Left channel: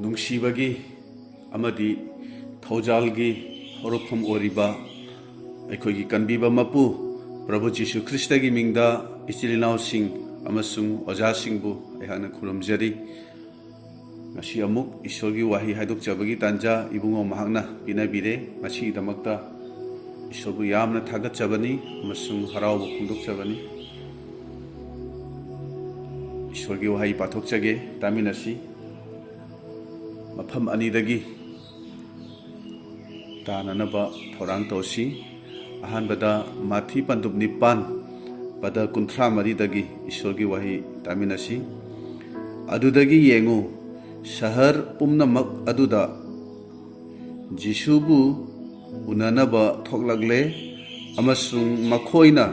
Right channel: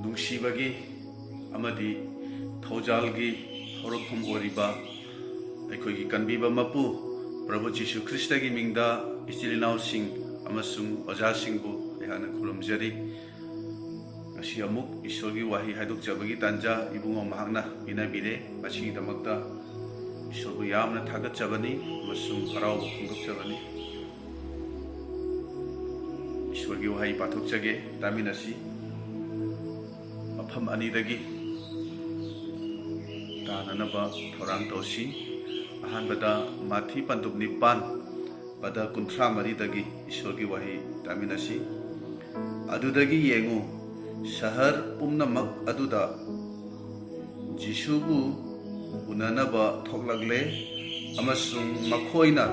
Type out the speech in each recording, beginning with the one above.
ꯅꯨꯡꯁꯤꯕꯒꯤ ꯑꯃꯗꯤ ꯊꯧꯖꯥꯜꯒꯤ ꯍꯧꯔꯛꯐꯝ ꯑꯣꯏꯔꯤꯕ ꯑꯩꯈꯣꯏꯒꯤ ꯀꯟꯕꯤꯕ ꯃꯄꯨ ꯄ꯭ꯔꯚꯨ ꯖꯤꯁꯨ ꯈ꯭ꯔꯤꯁꯇꯒꯤ ꯃꯤꯡꯗ ꯏꯆꯤꯜ ꯏꯅꯥꯎꯁꯤꯡ ꯑꯃꯁꯨꯡ ꯑꯣꯖꯥꯁꯤꯡꯕꯨ ꯑꯩꯍꯥꯛꯅ ꯈꯨꯔꯨꯝꯖꯔꯤ꯫ ꯉꯁꯤ ꯑꯃꯨꯛ ꯏꯁꯣꯔꯒꯤ ꯋꯥꯍꯩ ꯍꯥꯏꯗꯣꯛꯆꯕꯒꯤ ꯇꯥꯟꯖꯥ ꯏꯕꯨꯡꯉꯣ ꯃꯍꯥꯛꯅ ꯄꯤꯅꯕꯤꯔꯦ꯫ ꯃꯁꯤꯒꯤꯗꯃꯛꯇ ꯏꯁꯣꯔꯕꯨ ꯌꯥꯝꯅ ꯊꯥꯒꯠꯆꯕꯅꯤ ꯑꯃꯁꯨꯡ ꯍꯔꯥꯎꯕ ꯐꯣꯡꯗꯣꯛꯆꯕꯅꯤ꯫ ꯏꯁꯣꯔꯒꯤ ꯋꯥꯍꯩ ꯄꯥꯊꯣꯛꯆꯒꯦ, ꯇꯥꯃꯤꯟꯅꯁꯤ꯫ ꯃꯐꯝ ꯑꯅꯤꯗꯒꯤ ꯇꯥꯅꯅꯕ ꯊꯧꯔꯥꯡ ꯇꯧꯁꯤ꯫ ꯑꯍꯥꯟꯕꯗ ꯃꯥꯊꯤ ꯄꯟꯗꯨꯞ 9 ꯄꯗ 34ꯗꯒꯤ ꯏꯁꯣꯔꯒꯤ ꯋꯥꯍꯩ ꯇꯥꯃꯤꯟꯅꯁꯤ꯫ ꯑꯗꯨꯗꯒꯤ ꯌꯦꯡꯉꯨ, ꯁꯍꯔ ꯄꯨꯝꯅꯃꯛ ꯑꯗꯨꯗ ꯖꯤꯁꯨꯕꯨ ꯎꯅꯅꯕ ꯊꯣꯛꯂꯛꯂꯦ ꯑꯃꯁꯨꯡ ꯃꯈꯣꯏꯅ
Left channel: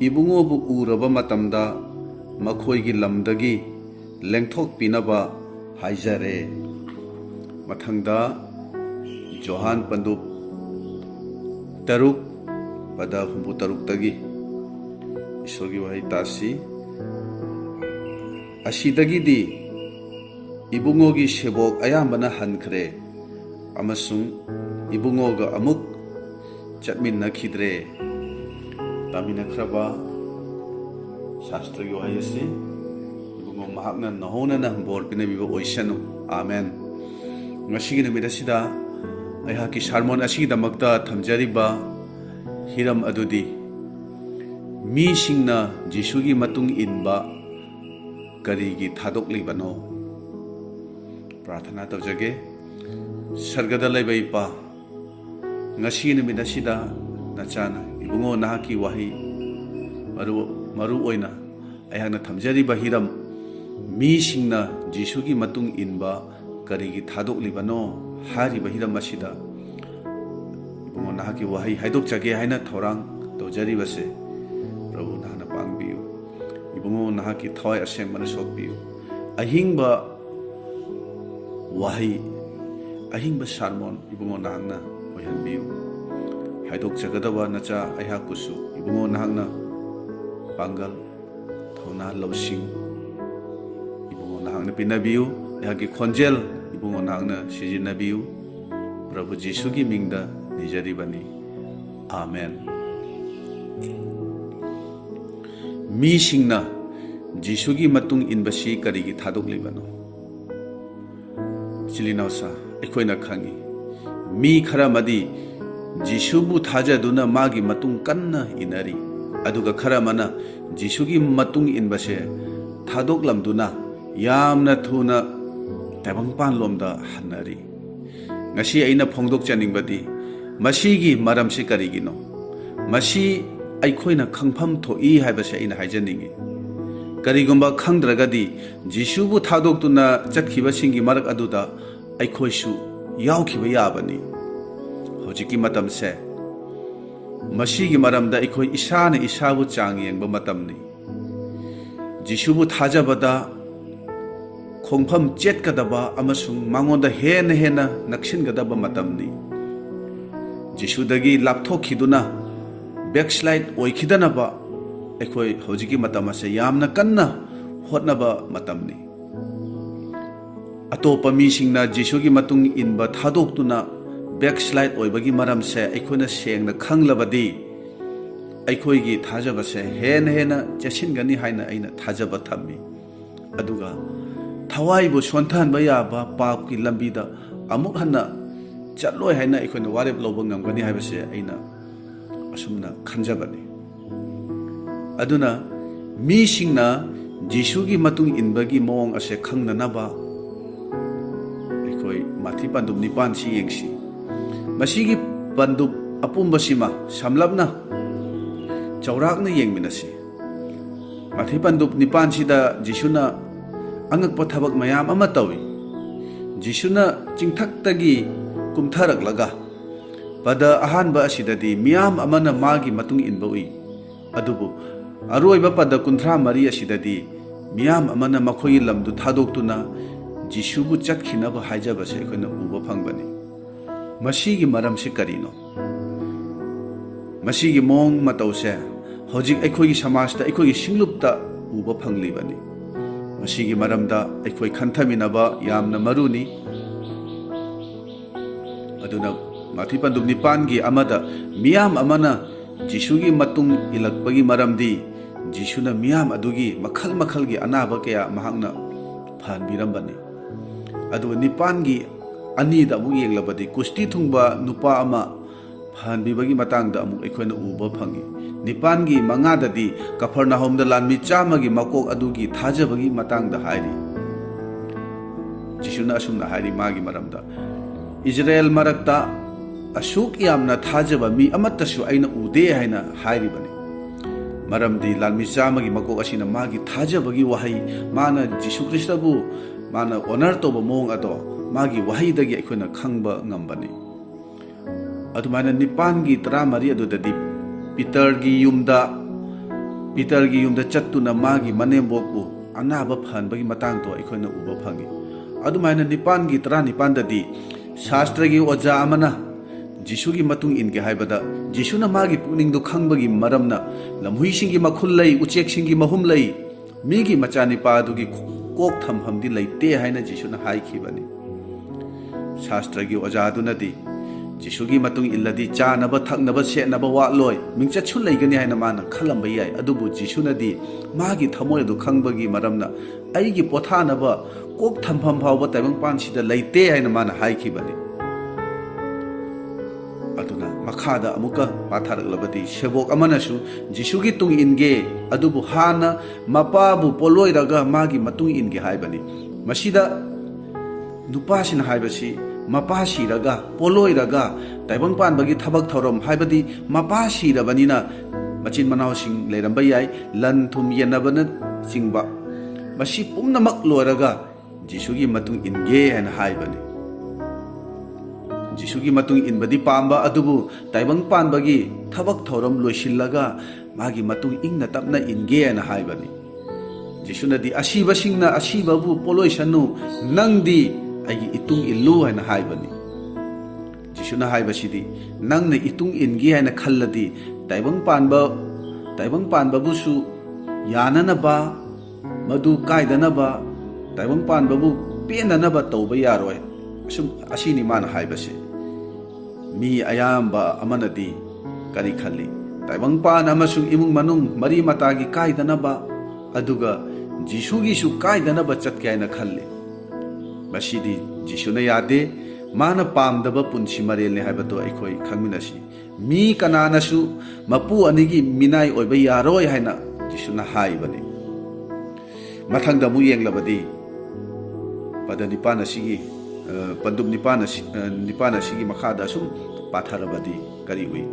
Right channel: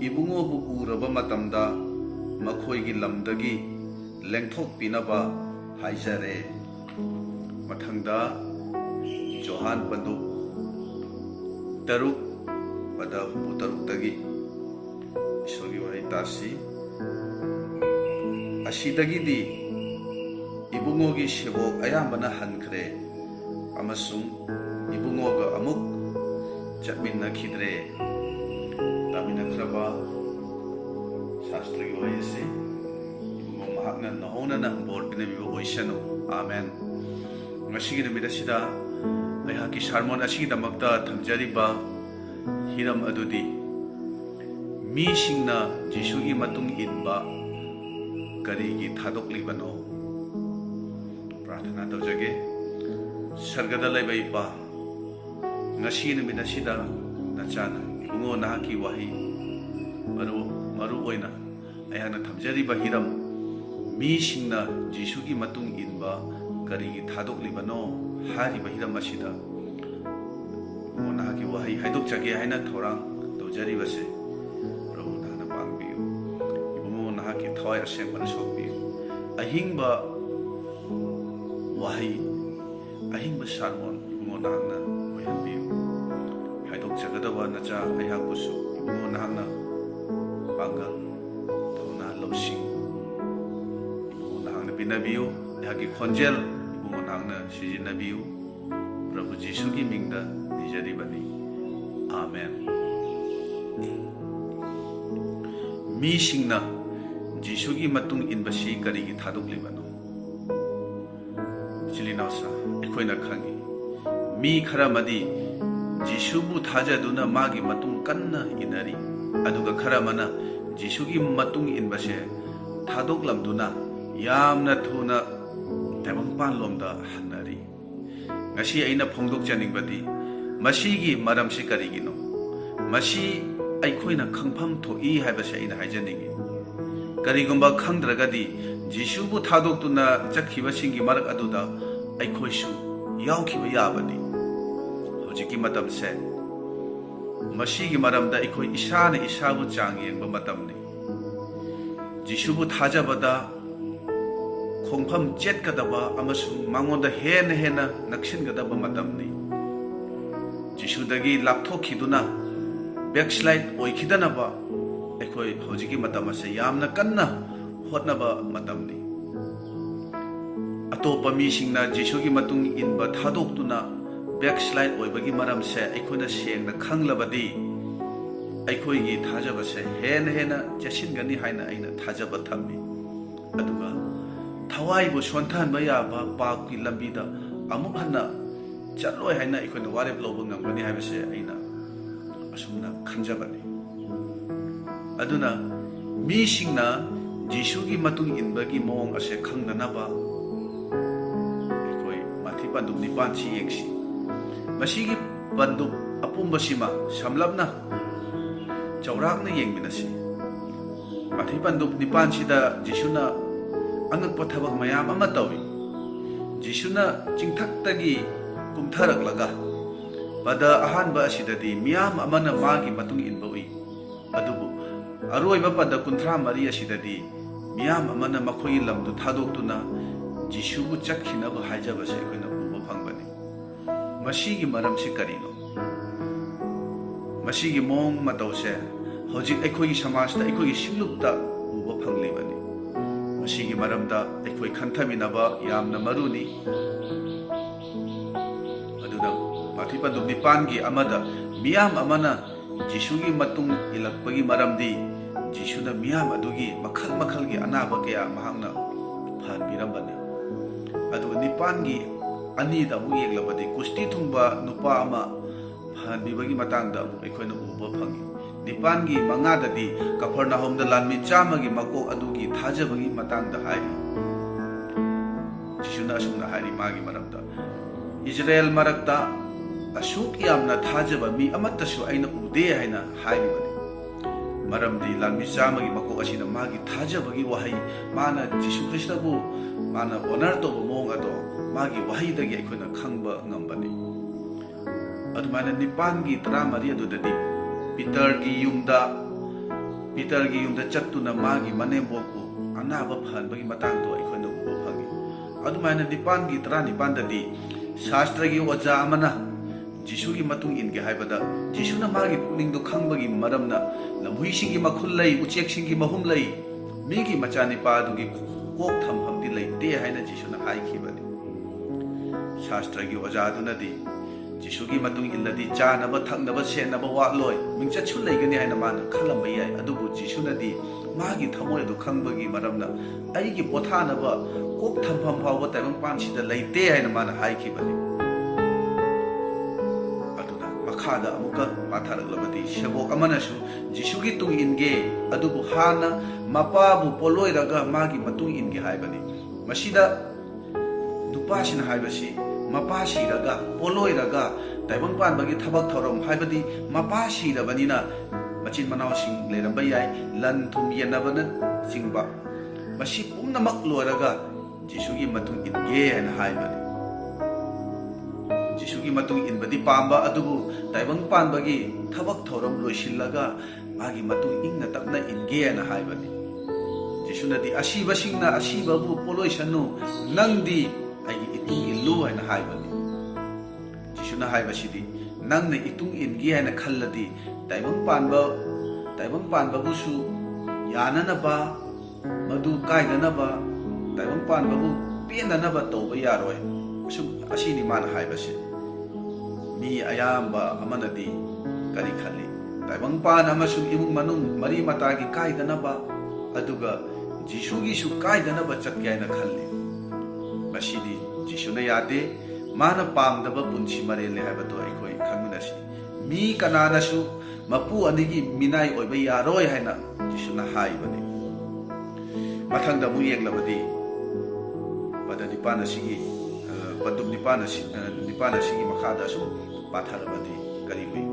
ꯏꯕꯨꯡꯉꯣꯕꯨ ꯎꯔꯕ ꯃꯇꯝꯗ ꯃꯈꯣꯏꯒꯤ ꯂꯝꯗꯒꯤ ꯂꯦꯡꯊꯣꯛꯄꯤꯅꯕ ꯍꯥꯏꯖꯔꯦ꯫ ꯃꯊꯪꯗ ꯌꯣꯍꯥꯟ ꯄꯟꯗꯨꯞ 3 ꯄꯗ 63ꯗꯒꯤ ꯏꯁꯣꯔꯒꯤ ꯋꯥꯍꯩ ꯇꯥꯁꯤ꯫ ꯑꯁꯤꯗꯒꯤꯗꯤ ꯏꯕꯨꯡꯉꯣꯒꯤ ꯁꯦꯕꯣꯛ ꯑꯌꯥꯝꯕꯅ ꯍꯟꯈ꯭ꯔꯦ ꯑꯃꯁꯨꯡ ꯏꯕꯨꯡꯉꯣꯒ ꯑꯃꯨꯛ ꯆꯠꯃꯤꯟꯅꯈꯤꯗ꯭ꯔꯦ꯫ ꯇꯥꯃꯤꯟꯅꯈ꯭ꯔꯕ ꯁꯥꯁꯇ꯭ꯔꯒꯤ ꯋꯥꯍꯩ ꯑꯁꯤ ꯏꯕꯨꯡꯉꯣ ꯃꯍꯥꯛꯅ ꯅꯍꯧꯅꯅ ꯕꯣꯔ ꯄꯤꯅꯕꯤꯕ ꯑꯣꯏꯁꯅꯨ꯫ ꯑꯥꯃꯦꯟ꯫ ꯉꯁꯤꯒꯤ ꯅꯨꯃꯤꯠ ꯑꯁꯤꯗ ꯑꯩꯍꯥꯛꯀꯤ ꯁꯥꯔꯃꯣꯟ ꯑꯁꯤꯒꯤꯗꯃꯛꯇ ꯊꯝꯖꯔꯤꯕ ꯍꯤꯔꯝ ꯑꯗꯨꯗꯤ ꯃꯤꯁꯤꯡꯅ ꯖꯤꯁꯨꯒꯤ ꯃꯇꯨꯡ ꯏꯟꯕ ꯀꯔꯤꯒꯤ ꯊꯥꯗꯣꯛꯂꯤꯕꯅꯣ? ꯄ꯭ꯔꯥꯔꯊꯅꯥ ꯇꯧꯖꯒꯦ꯫ ꯁꯔꯒꯗ ꯂꯩꯕ ꯏꯄꯥ, ꯉꯁꯤ ꯅꯨꯃꯤꯠ ꯑꯁꯤꯗ ꯅꯆꯥꯅ ꯏꯕꯨꯡꯉꯣ ꯅꯍꯥꯛꯀꯤ ꯋꯥꯍꯩ ꯃꯔꯨ ꯑꯣꯏꯅ ꯑꯩꯍꯥꯛꯅ ꯊꯝꯖꯔꯤꯕ ꯍꯤꯔꯝ ꯃꯤꯁꯤꯡꯅ ꯖꯤꯁꯨꯒꯤ ꯃꯇꯨꯡ ꯏꯟꯕ ꯀꯔꯤꯒꯤ ꯊꯥꯗꯣꯛꯂꯤꯕꯅꯣ ꯍꯥꯏꯔꯤꯕ ꯍꯤꯔꯝ ꯑꯁꯤꯗ ꯏꯕꯨꯡꯉꯣ ꯅꯍꯥꯛꯀꯤ ꯋꯥꯍꯩ ꯍꯥꯏꯗꯣꯛꯆꯒꯦ ꯍꯥꯏꯅ ꯊꯧꯔꯥꯡ ꯇꯧꯖꯔꯤꯕꯁꯦ ꯄ꯭ꯔꯚꯨ ꯅꯍꯥꯛꯅ ꯄꯥꯡꯕꯤꯌꯨ꯫ ꯏꯕꯨꯡꯉꯣ ꯅꯍꯥꯛꯀꯤ ꯊꯋꯥꯏ ꯑꯁꯦꯡꯕꯅ ꯁꯣꯛꯄꯤꯌꯨ꯫ ꯑꯍꯤꯡꯕ ꯋꯥꯍꯩ, ꯑꯍꯤꯡꯕ ꯁꯥꯔꯃꯣꯟ ꯏꯕꯨꯡꯉꯣ ꯅꯍꯥꯛꯅ ꯑꯣꯏꯍꯟꯕꯤꯌꯨ꯫ ꯍꯥꯏꯗꯣꯛꯆꯒꯗꯕ ꯅꯆꯥ ꯑꯩꯍꯥꯛꯄꯨꯁꯨ ꯏꯕꯨꯡꯉꯣ ꯅꯍꯥꯛꯅ ꯄꯥꯡꯒꯜ, ꯊꯧꯅꯥ, ꯂꯧꯁꯤꯡ ꯏꯕꯨꯡꯉꯣ ꯅꯍꯥꯛꯅ ꯄꯤꯅꯕꯤꯌꯨ꯫ ꯑꯩꯍꯥꯛꯀꯤ ꯈꯣꯟꯖꯦꯜ ꯏꯕꯨꯡꯉꯣ ꯅꯍꯥꯛꯅ ꯁꯤꯖꯤꯟꯅꯕꯤꯌꯨ꯫ ꯄ꯭ꯔꯚꯨ ꯖꯤꯁꯨꯒꯤ ꯃꯤꯡꯗ ꯅꯤꯖꯔꯤꯕꯅꯤ꯫ ꯑꯥꯃꯦꯟ꯫ ꯃꯤꯁꯤꯡꯅ ꯖꯤꯁꯨꯒꯤ ꯃꯇꯨꯡ ꯏꯟꯕꯁꯤ ꯀꯔꯤꯒꯤ ꯊꯥꯗꯣꯛꯂꯤꯕꯅꯣ? ꯏꯆꯤꯜ ꯏꯅꯥꯎꯁꯥ, ꯑꯩꯈꯣꯏꯅ ꯈꯪꯏ ꯃꯤ ꯈꯔ ꯑꯃꯗꯤ ꯖꯤꯁꯨꯕꯨ ꯊꯥꯖꯗꯨꯅ ꯃꯥꯒꯤ ꯃꯇꯨꯡ ꯀꯟꯅ ꯏꯟꯅꯔꯤ, ꯑꯗꯨꯒ ꯈꯔ ꯑꯃꯅ ꯖꯤꯁꯨꯒꯤ ꯃꯇꯨꯡ ꯏꯟꯕꯁꯦ ꯊꯥꯗꯣꯛꯂꯝꯗꯨꯅ ꯌꯥꯝꯅ ꯊꯨꯅ ꯇꯥꯏꯕꯪꯄꯥꯟꯂꯣꯝꯗ ꯍꯟꯅꯔꯤ꯫ ꯉꯁꯤ ꯑꯩꯅ ꯐꯣꯡꯗꯣꯛꯆꯅꯤꯡꯕꯗꯤ ꯃꯁꯤꯒꯤ ꯃꯔꯝꯁꯤ ꯀꯔꯤꯒꯤꯅꯣ? ꯃꯁꯤ ꯑꯩꯈꯣꯏꯅ ꯈꯪꯐꯝ ꯊꯣꯛꯏ ꯍꯥꯏꯕꯁꯦ ꯑꯩꯅ ꯍꯥꯏꯖꯅꯤꯡꯉꯤ꯫ ꯀꯔꯤꯒꯨꯝꯕ ꯈꯪꯗ꯭ꯔꯒꯗꯤ ꯖꯤꯁꯨꯕꯨ ꯊꯥꯗꯣꯛꯇꯨꯅ ꯆꯠꯈꯤꯕꯁꯤꯡꯒꯤ ꯃꯔꯛ ꯑꯗꯨꯗ ꯑꯩꯈꯣꯏꯁꯨ ꯌꯥꯎꯈꯤꯕ ꯌꯥꯕꯅꯤ꯫ ꯍꯧꯖꯤꯛꯀꯤ ꯃꯇꯝꯁꯦ ꯃꯁꯤꯒꯤ ꯃꯔꯝꯗ ꯑꯩꯈꯣই ꯏꯁꯥꯅ ꯏꯁꯥꯕꯨ ꯆꯥꯡ ꯌꯦꯡꯕ ꯃꯇꯝꯅꯤ꯫ ꯖꯤꯁꯨꯕꯨ ꯊꯥꯖꯕꯗ ꯈꯣꯡꯐꯝ ꯆꯦꯠꯀꯗꯕ ꯑꯃꯁꯨꯡ ꯃꯉꯣꯟꯗ ꯍꯦꯟꯅ ꯅꯛꯁꯤꯟꯒꯗꯕ ꯃꯇꯝꯅꯤ꯫ ꯖꯤꯁꯨꯗꯒꯤ ꯂꯥꯞꯊꯣꯛꯈꯤꯗꯨꯅ ꯕꯦꯛꯁ꯭ꯂꯥꯏꯠ ꯑꯣꯏꯈꯤꯗꯅꯕ ꯑꯩꯈꯣই ꯍꯧꯖꯤꯛꯀꯤ ꯃꯇꯝ ꯑꯁꯦ ꯌꯥꯝꯅ ꯀꯟꯅ ꯍꯣꯠꯅꯕ ꯃꯇꯝꯅꯤ꯫ ꯑꯇꯣꯞꯄ ꯃꯤꯁꯤꯡꯅ ꯖꯤꯁꯨꯒꯤ ꯃꯇꯨꯡ ꯏꯟꯕ ꯊꯥꯗꯣꯛꯇꯨꯅ ꯕꯦꯛꯁ꯭ꯂꯥꯏꯠ ꯑꯣꯏꯕꯒꯤ ꯃꯔꯝꯁꯦ ꯑꯩꯈꯣꯏꯅ ꯁꯦꯡꯅ ꯈꯪꯂꯕꯗꯤ ꯑꯩꯈꯣꯏꯒꯤ ꯊꯥꯖꯕꯁꯦ ꯍꯦꯟꯅ ꯆꯦꯠꯁꯤꯟꯒꯅꯤ ꯍꯥꯏꯅ ꯑꯩꯅ ꯊꯥꯖꯕ ꯊꯝꯃꯤ꯫ ꯑꯗꯨꯒ ꯊꯋꯥꯏꯕꯨ ꯁꯣꯟꯊꯍꯟꯕ ꯌꯥꯕ ꯄꯥꯞꯀꯤ ꯂꯝꯕꯤꯗ ꯑꯃꯨꯛ ꯍꯟꯅ ꯆꯠꯂꯣꯏ ꯍꯥꯏꯅ ꯑꯩꯈꯣꯏꯅ ꯋꯥꯔꯦꯞ ꯂꯧꯕ ꯉꯝꯒꯅꯤ ꯍꯥꯏꯕꯁꯦ ꯑꯩꯅ ꯑꯁꯨꯝꯅ ꯈꯟꯖꯕꯅꯤ꯫ ꯑꯗꯨꯅ ꯃꯤꯁꯤꯡꯅ ꯖꯤꯁꯨꯒꯤ ꯃꯇꯨꯡ ꯏꯟꯕꯒꯤ ꯃꯑꯣꯡ ꯑꯁꯦ ꯈꯪꯅꯅꯕ ꯑꯩꯈꯣই ꯃꯥꯊꯤ ꯄꯟꯗꯨꯞ 9ꯁꯤ ꯌꯦꯡꯁꯤ꯫ ꯃꯁꯤꯒꯤ ꯄꯟꯗꯨꯞ ꯑꯄꯨꯝꯕꯁꯤꯃ ꯁꯝꯂꯞꯅ ꯆꯥꯎꯔꯥꯛꯅ ꯌꯦꯡꯃꯤꯟꯅꯁꯤ꯫ ꯃꯥꯊꯤ ꯄꯟꯗꯨꯞ 9ꯁꯤꯗ ꯖꯤꯁꯨꯅ ꯑꯉꯛꯄ ꯊꯕꯛ ꯃꯌꯥꯝ ꯑꯃ ꯇꯧꯏ꯫ ꯖꯤꯁꯨꯅ ꯆꯤꯡꯊꯛꯇꯒꯤ ꯀꯨꯝꯊꯔꯛꯂꯒ ꯄꯗ ꯑꯍꯥꯟꯕ ꯑꯁꯤꯗꯗꯤ ꯃꯤꯌꯥꯝ ꯑꯃꯅ ꯃꯥꯒꯤ ꯃꯇꯨꯡ ꯏꯟꯕ ꯎꯏ, ꯑꯗꯨꯕꯨ ꯑꯔꯣꯏꯕ ꯄꯗ 34 ꯑꯁꯤꯗꯗꯤ ꯃꯤꯌꯥꯝ ꯑꯃꯅ ꯃꯈꯣꯏꯒꯤ ꯂꯝꯗꯨ ꯊꯥꯗꯣꯛꯇꯨꯅ ꯖꯤꯁꯨꯕꯨ ꯆꯠꯈꯤꯅꯕ ꯍꯥꯏꯖꯕꯁꯦ ꯑꯩꯈꯣꯏꯅ ꯎꯕ ꯐꯪꯕꯅꯤ꯫ ꯃꯁꯤꯒꯤ ꯃꯔꯝꯁꯤ ꯀꯔꯤꯅꯣ? ꯃꯁꯤꯒꯤ ꯃꯑꯣꯡ ꯃꯇꯧꯁꯦ ꯍꯧꯖꯤꯛ ꯑꯩꯈꯣꯏꯒꯤ ꯁꯃꯥꯖꯇ, ꯑꯩꯈꯣꯏꯒꯤ ꯁꯤꯡꯂꯨꯞꯇ ꯎꯕ ꯐꯪꯂꯤꯕꯅꯤ꯫ ꯃꯁꯤꯒꯤ ꯃꯔꯝꯗ ꯑꯩꯈꯣꯏ ꯈꯟꯊꯃꯤꯟꯅꯕ ꯌꯥꯝꯅ ꯃꯔꯨꯅꯤ꯫ ꯑꯗꯨꯅ ꯃꯊꯤ ꯄꯟꯗꯨꯞ ꯅꯤꯄꯥꯟꯒꯤ ꯑꯃꯗ ꯃꯤꯌꯥꯝ ꯑꯃꯅ ꯖꯤꯁꯨꯒꯤ ꯃꯇꯨꯡ ꯏꯜꯂꯛꯄꯒꯤ ꯃꯔꯝꯗꯤ ꯖꯤꯁꯨꯅ ꯃꯤꯌꯥꯝ ꯑꯗꯨꯒꯤ ꯃꯈꯜ ꯃꯈꯜꯒꯤ ꯑꯅꯥꯕ ꯀꯌꯥ ꯃꯍꯥꯛꯅ ꯐꯍꯟꯕꯤꯔꯝꯕꯅꯤ꯫ ꯑꯗꯨꯒ ꯅꯤꯄꯥꯟꯒꯤ ꯑꯅꯤꯗ ꯑꯃꯨꯛ ꯌꯦꯡꯂꯕꯗꯤ ꯀꯨꯁꯇꯤ ꯊꯨꯡꯕ ꯅꯨꯄꯥ ꯑꯃ ꯐꯍꯟꯕꯤꯕꯒꯤ ꯃꯇꯥꯡꯗ ꯑꯃꯨꯛ ꯑꯩꯈꯣꯏꯅ ꯎꯕ ꯐꯪꯏ꯫ ꯅꯤꯄꯥꯟꯒꯤ ꯃꯉꯥꯗꯗꯤ ꯀꯐꯔꯅꯥꯍꯨꯝꯗ ꯂꯥꯟꯃꯤ 100ꯒꯤ ꯃꯀꯣꯛ ꯑꯗꯨꯒꯤ ꯊꯥꯖꯕꯒꯤ ꯃꯇꯥꯡꯗ ꯍꯥꯏꯔꯤ꯫ ꯖꯤꯁꯨꯅ ꯑꯁꯨꯝꯅ ꯍꯥꯏꯔꯤ ꯃꯥꯒꯤ ꯃꯔꯝꯗ, ꯏꯖꯔꯦꯜ ꯃꯔꯛꯇ ꯑꯁꯨꯛ ꯌꯥꯝꯅ ꯊꯥꯖꯕ ꯃꯤ ꯑꯃꯠꯇꯁꯨ ꯑꯩꯅ ꯎꯗꯦ ꯍꯥꯏꯅ ꯍꯥꯏꯔꯤꯕꯅꯤ꯫ ꯃꯔꯝꯗꯤ ꯂꯥꯟꯃꯤ 100ꯒꯤ ꯃꯀꯣꯛ ꯑꯁꯤꯅ ꯃꯥꯒꯤ ꯊꯥꯖꯕꯒꯤ ꯋꯥꯍꯩ, ꯃꯥꯅ ꯖꯤꯁꯨ ꯈ꯭ꯔꯤꯁꯇꯕꯨ ꯃꯥꯅ ꯑꯣꯅꯔ ꯇꯧꯕ ꯃꯑꯣꯡ ꯑꯗꯣ ꯃꯥꯒꯤ ꯋꯥꯍꯩꯗꯒꯤ ꯑꯩꯈꯣꯏꯅ ꯈꯪꯕ ꯉꯝꯕꯅꯤ꯫ ꯑꯗꯨꯃꯥꯏꯅ 9ꯒꯤ 13 ꯑꯗꯨꯗꯗꯤ ꯄꯤꯇꯔꯒꯤ ꯌꯨꯝꯗ ꯆꯠꯇꯨꯅ ꯃꯥꯒꯤ ꯃꯅꯦꯝꯕꯣꯛꯄꯨ ꯑꯅꯥꯕ ꯐꯍꯟꯕꯒꯤ ꯃꯇꯥꯡꯗꯣ ꯑꯩꯈꯣꯏꯅ ꯎꯕ ꯐꯪꯏ꯫ ꯑꯗꯨꯃꯥꯏꯅ 9ꯒꯤ 19ꯗꯗꯤ ꯁꯥꯁꯇ꯭ꯔꯒꯤ ꯑꯣꯖꯥ ꯑꯃꯅ ꯖꯤꯁꯨꯒꯤ ꯃꯇꯨꯡ ꯏꯟꯒꯦ ꯍꯥꯏꯕꯗ ꯖꯤꯁꯨꯅ ꯃꯥꯒꯤ ꯄꯨꯛꯅꯤꯡꯗꯣ ꯈꯪꯕꯒꯤ ꯃꯔꯝꯅ ꯂꯝꯍꯨꯏꯁꯤꯡꯒꯤ ꯃꯈꯨꯜ ꯂꯩ, ꯎꯆꯦꯛꯁꯤꯡꯒꯤ ꯃꯍꯨꯝ ꯂꯩ, ꯃꯤꯒꯤ ꯃꯆꯥꯅꯤꯄꯥ ꯑꯗꯨꯒꯤ ꯀꯣꯛ ꯊꯝꯐꯝꯗꯤ ꯂꯩꯇꯦ ꯍꯥꯏꯅ ꯖꯤꯁꯨꯅ ꯍꯥꯏꯈꯤꯕꯅꯤ꯫ ꯁꯥꯁꯇ꯭ꯔꯒꯤ ꯑꯣꯖꯥ ꯑꯗꯨꯅꯗꯤ ꯖꯤꯁꯨꯒꯤ ꯃꯇꯨꯡ ꯏꯜꯂꯗꯤ ꯆꯥꯅꯕ ꯊꯛꯅꯕ ꯁꯦꯠꯅꯕ ꯋꯥꯠꯂꯣꯏ, ꯃꯤꯡꯆꯠꯁꯨ ꯂꯩꯒꯅꯤ ꯍꯥꯏꯅ ꯃꯥꯅ ꯈꯜꯂꯝꯕ ꯌꯥꯏ꯫ ꯑꯗꯨꯕꯨ ꯖꯤꯁꯨꯅꯗꯤ ꯃꯥꯒꯤ ꯊꯃꯣꯏ ꯑꯗꯨ ꯈꯪꯕꯒꯤ ꯃꯔꯝꯅ ꯑꯩꯒꯤ ꯄꯣꯊꯥꯅꯕ ꯀꯣꯛ ꯊꯝꯐꯝ ꯐꯥꯎꯕ ꯇꯥꯏꯕꯪꯄꯥꯟꯁꯤꯗ ꯂꯩꯇꯦ ꯍꯥꯏꯅ ꯃꯥꯅ ꯍꯥꯏꯈꯤꯕꯅꯤ꯫ ꯑꯗꯨꯅ ꯃꯈꯥꯗ ꯑꯃꯨꯛꯀ ꯄꯥꯊꯔꯛꯂꯕꯗꯤ ꯁꯦꯕꯣꯛ ꯑꯃꯅꯁꯨ ꯖꯤꯁꯨꯒꯤ ꯇꯨꯡ ꯏꯟꯒꯦ, ꯑꯗꯨꯕꯨ ꯍꯥꯟꯅ ꯃꯄꯥꯕꯨ ꯄꯣꯠꯂꯣꯏꯔꯒ ꯃꯥꯒꯤ ꯃꯇꯨꯡ ꯏꯟꯒꯦ ꯍꯥꯏꯕꯅꯤ꯫ ꯃꯁꯤꯗ ꯅꯨꯄꯥꯁꯤꯅ ꯍꯥꯏꯕꯁꯤ ꯃꯄꯥ ꯁꯤꯔꯒ ꯄꯣꯠꯂꯣꯏꯔꯒ ꯇꯥꯏꯕꯪꯄꯥꯟꯕꯒꯤ ꯊꯕꯛ ꯊꯧꯔꯝ, ꯍꯥꯏꯕꯗꯤ ꯃꯄꯥ ꯁꯤꯔꯕꯅꯤꯅ ꯃꯆꯤꯟ ꯃꯅꯥꯎꯁꯤꯡ ꯂꯩꯔꯝꯕ ꯌꯥꯏ, ꯂꯟ ꯊꯨꯝ ꯌꯦꯟꯅꯕꯅꯆꯤꯡꯕ, ꯃꯁꯤ ꯄꯨꯝꯅꯃꯛ ꯂꯣꯏꯔꯒ ꯖꯤꯁꯨꯒꯤ ꯃꯇꯨꯡ ꯏꯟꯒꯦ ꯍꯥꯏꯅ ꯍꯥꯏꯕꯅꯤ꯫ ꯖꯤꯁꯨꯒꯤ ꯃꯇꯨꯡ ꯏꯟꯕꯗꯤ ꯄꯥꯝꯕ, ꯑꯗꯨꯕꯨ ꯇꯥꯏꯕꯪꯄꯥꯟꯕꯒꯤ ꯊꯕꯛ ꯊꯧꯔꯝ ꯂꯣꯏꯁꯤꯜꯂꯒ ꯃꯥꯒꯤ ꯃꯇꯨꯡ ꯏꯪꯅ ꯇꯞꯅ ꯏꯟꯒꯦ ꯍꯥꯏꯅ ꯍꯥꯏꯕꯅꯤ꯫ ꯖꯤꯁꯨꯅꯗꯤ ꯑꯁꯤꯕꯁꯤꯡꯅ ꯑꯁꯤꯕꯕꯨ ꯄꯣꯠꯂꯣꯏꯁꯅꯨ, ꯅꯪꯗꯤ ꯑꯩꯒꯤ ꯏꯇꯨꯡ ꯏꯜꯂꯨ ꯍꯥꯏꯅ ꯍꯥꯏꯕꯅꯤ꯫ ꯖꯤꯁꯨꯅ ꯍꯥꯏꯕꯁꯤꯗꯤ ꯅꯪꯅ ꯏꯇꯨꯡ ꯏꯟꯒꯦ ꯍꯥꯏꯅ ꯈꯜꯂꯗꯤ ꯇꯥꯏꯕꯪꯄꯥꯟꯕꯕꯨꯁꯨ ꯌꯥꯅꯅꯕ, ꯃꯗꯨ ꯀꯥꯏꯗꯅꯕ, ꯇꯥꯏꯕꯪꯄꯥꯟꯕꯕꯨ ꯄꯦꯟꯅꯅꯕ ꯇꯧꯕ ꯌꯥꯔꯣꯏ꯫ ꯑꯁꯤꯅꯤ ꯃꯥꯅ ꯍꯥꯏꯕꯁꯤ꯫ ꯃꯤ ꯑꯌꯥꯝꯕ ꯑꯃꯅꯗꯤ ꯀꯔꯤ ꯈꯜꯂꯤ? ꯇꯥꯏꯕꯪꯄꯥꯟ ꯑꯃꯁꯨꯡ ꯏꯃꯨꯡ ꯃꯅꯨꯡ ꯃꯔꯤ ꯃꯇꯥꯒꯤ ꯀꯥꯏꯗꯅꯕ, ꯑꯗꯨꯒ ꯖꯤꯁꯨꯒꯤꯁꯨ ꯀꯥꯏꯗꯅꯕ ꯆꯠꯀꯦ ꯍꯥꯏꯅ ꯈꯜꯂꯤ꯫ ꯃꯁꯤꯗꯤ ꯖꯤꯁꯨꯅ ꯌꯥꯗꯦ, ꯃꯥꯅ ꯄꯥꯝꯗꯕ ꯄꯨꯟꯁꯤ ꯃꯔꯦꯜꯅꯤ ꯍꯥꯏꯕꯗꯣ ꯑꯩꯈꯣꯏ ꯈꯪꯃꯤꯟꯅꯁꯤ꯫ ꯃꯤꯀꯅꯥꯅꯁꯨ ꯃꯄꯨ ꯑꯅꯤꯒꯤ ꯃꯤꯅꯥꯏ ꯑꯣꯏꯕ ꯌꯥꯔꯣꯏ ꯍꯥꯏꯅ ꯖꯤꯁꯨꯅ ꯍꯥꯏꯕꯅꯤ꯫ ꯃꯊꯪꯗ ꯑꯃꯨꯛ ꯌꯦꯡꯂꯕꯗꯤ ꯄꯟꯗꯨꯞ 9 ꯑꯁꯤꯒꯤ ꯃꯈꯥꯗ ꯑꯁꯨꯝ ꯄꯥꯊꯔꯕꯗꯤ ꯀꯔꯤ ꯎꯏ?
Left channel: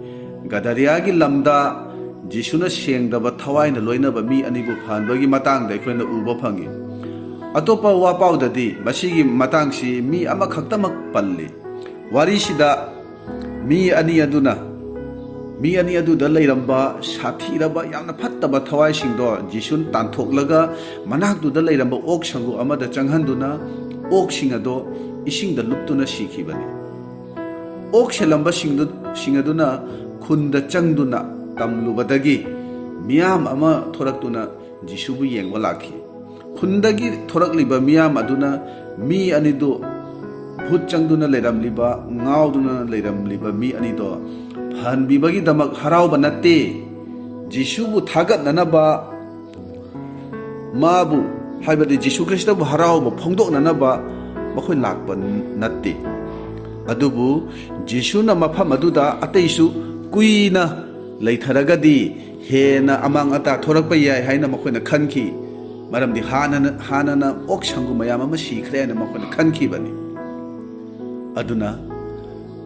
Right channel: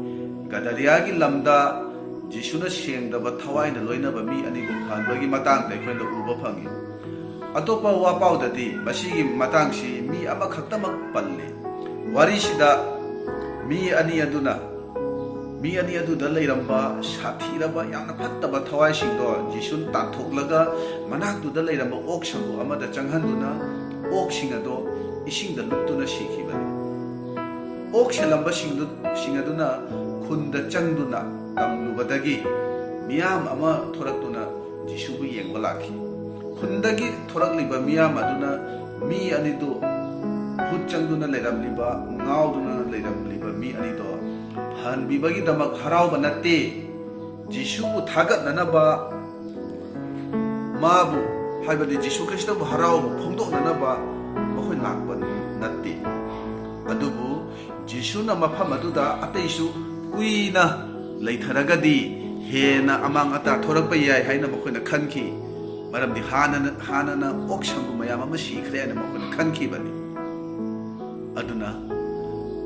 ꯒꯗꯔꯤꯌꯥꯒꯤ ꯂꯝꯗ ꯖꯤꯁꯨꯅ ꯁꯦꯡꯗꯕ ꯊꯋꯥꯏꯅ ꯂꯣꯏꯅꯕ ꯃꯤ ꯑꯅꯤꯕꯨ ꯐꯍꯟꯕꯒꯤ ꯃꯇꯥꯡꯗ ꯑꯩꯈꯣꯏꯅ ꯎꯕ ꯐꯪꯏ꯫ ꯑꯇꯣꯞꯄ ꯋꯥꯄꯥꯎꯗꯗꯤ ꯃꯁꯤꯒꯤ ꯃꯇꯥꯡꯁꯤ ꯃꯤ ꯑꯃꯈꯛꯇꯃꯛ ꯄꯜꯂꯤ꯫ ꯋꯥꯔꯤꯁꯤꯗ ꯃꯤ ꯑꯅꯤ ꯑꯗꯨꯗ ꯂꯩꯔꯝꯕ ꯁꯥꯊꯤꯔꯕ ꯌꯥꯝꯅ ꯐꯠꯇꯕ ꯊꯋꯥꯏꯁꯤꯡꯗꯣ ꯖꯤꯁꯨꯅ ꯇꯥꯟꯊꯣꯛꯂꯒ ꯃꯅꯥꯛꯇꯨꯗ ꯂꯩꯔꯝꯕ ꯑꯣꯛ ꯁꯪꯒꯨ ꯑꯃꯗ ꯆꯪꯍꯟꯗꯨꯅ ꯑꯣꯛꯁꯤꯡ ꯑꯗꯣ ꯏꯁꯤꯡꯗ ꯂꯨꯞꯇꯨꯅ ꯁꯤꯈꯤꯕꯅꯤ꯫ ꯑꯣꯛ ꯁꯦꯜꯂꯝꯕꯁꯤꯡ ꯑꯗꯨꯅ ꯈꯨꯟꯗ ꯆꯪꯗꯨꯅ ꯇꯝꯂꯨꯕꯗꯒꯤ ꯃꯤꯌꯥꯝ ꯑꯃ ꯊꯣꯔꯛꯇꯨꯅ ꯖꯤꯁꯨꯕꯨ ꯌꯦꯡꯕ ꯂꯥꯛꯈꯤ꯫ ꯈꯨꯟꯗꯒꯤ ꯊꯣꯔꯛꯂꯤꯕ ꯃꯤꯌꯥꯝ ꯑꯗꯨꯅ ꯃꯤ ꯑꯅꯤꯗꯨ, ꯚꯨꯠ ꯆꯪꯗꯨꯅ ꯂꯩꯔꯝꯂꯤꯕ, ꯉꯥꯎꯗꯨꯅ ꯂꯩꯔꯝꯂꯤꯕ ꯃꯤ ꯑꯅꯤꯗꯣ ꯐꯍꯟꯕꯤꯕꯒꯤꯗꯃꯛ ꯍꯔꯥꯎꯕ ꯅꯠꯇꯦ, ꯖꯤꯁꯨꯕꯨ ꯊꯥꯒꯠꯅꯅꯕ, ꯃꯥꯕꯨ ꯍꯥꯏꯕꯗꯤ ꯖꯤꯁꯨ ꯈ꯭ꯔꯤꯁꯇꯕꯨ ꯍꯔꯥꯎꯕ ꯐꯣꯡꯗꯣꯛꯅꯅꯕ ꯃꯈꯣꯏ ꯂꯥꯛꯄ ꯅꯠꯇꯦ꯫ ꯑꯗꯨꯕꯨ ꯖꯤꯁꯨꯅ ꯃꯐꯝ ꯑꯗꯨꯗ ꯑꯇꯩꯁꯨ ꯀꯨꯏꯅ ꯂꯩꯊꯔꯒꯗꯤ ꯍꯦꯟꯅ ꯑꯃꯥꯡ ꯑꯇꯥ ꯊꯣꯔꯛꯄ ꯌꯥꯏ ꯍꯥꯏꯅ ꯃꯈꯣꯏꯅ ꯈꯟꯈꯤ꯫ ꯃꯔꯝꯗꯤ ꯍꯥꯟꯅꯅ ꯑꯣꯛ ꯁꯪꯒꯨ ꯃꯌꯥꯝ ꯑꯃ ꯁꯤꯈ꯭ꯔꯦ ꯍꯥꯏꯅ ꯃꯈꯣꯏꯅ ꯈꯟꯈꯤꯕꯅꯤ꯫ ꯑꯗꯨꯅ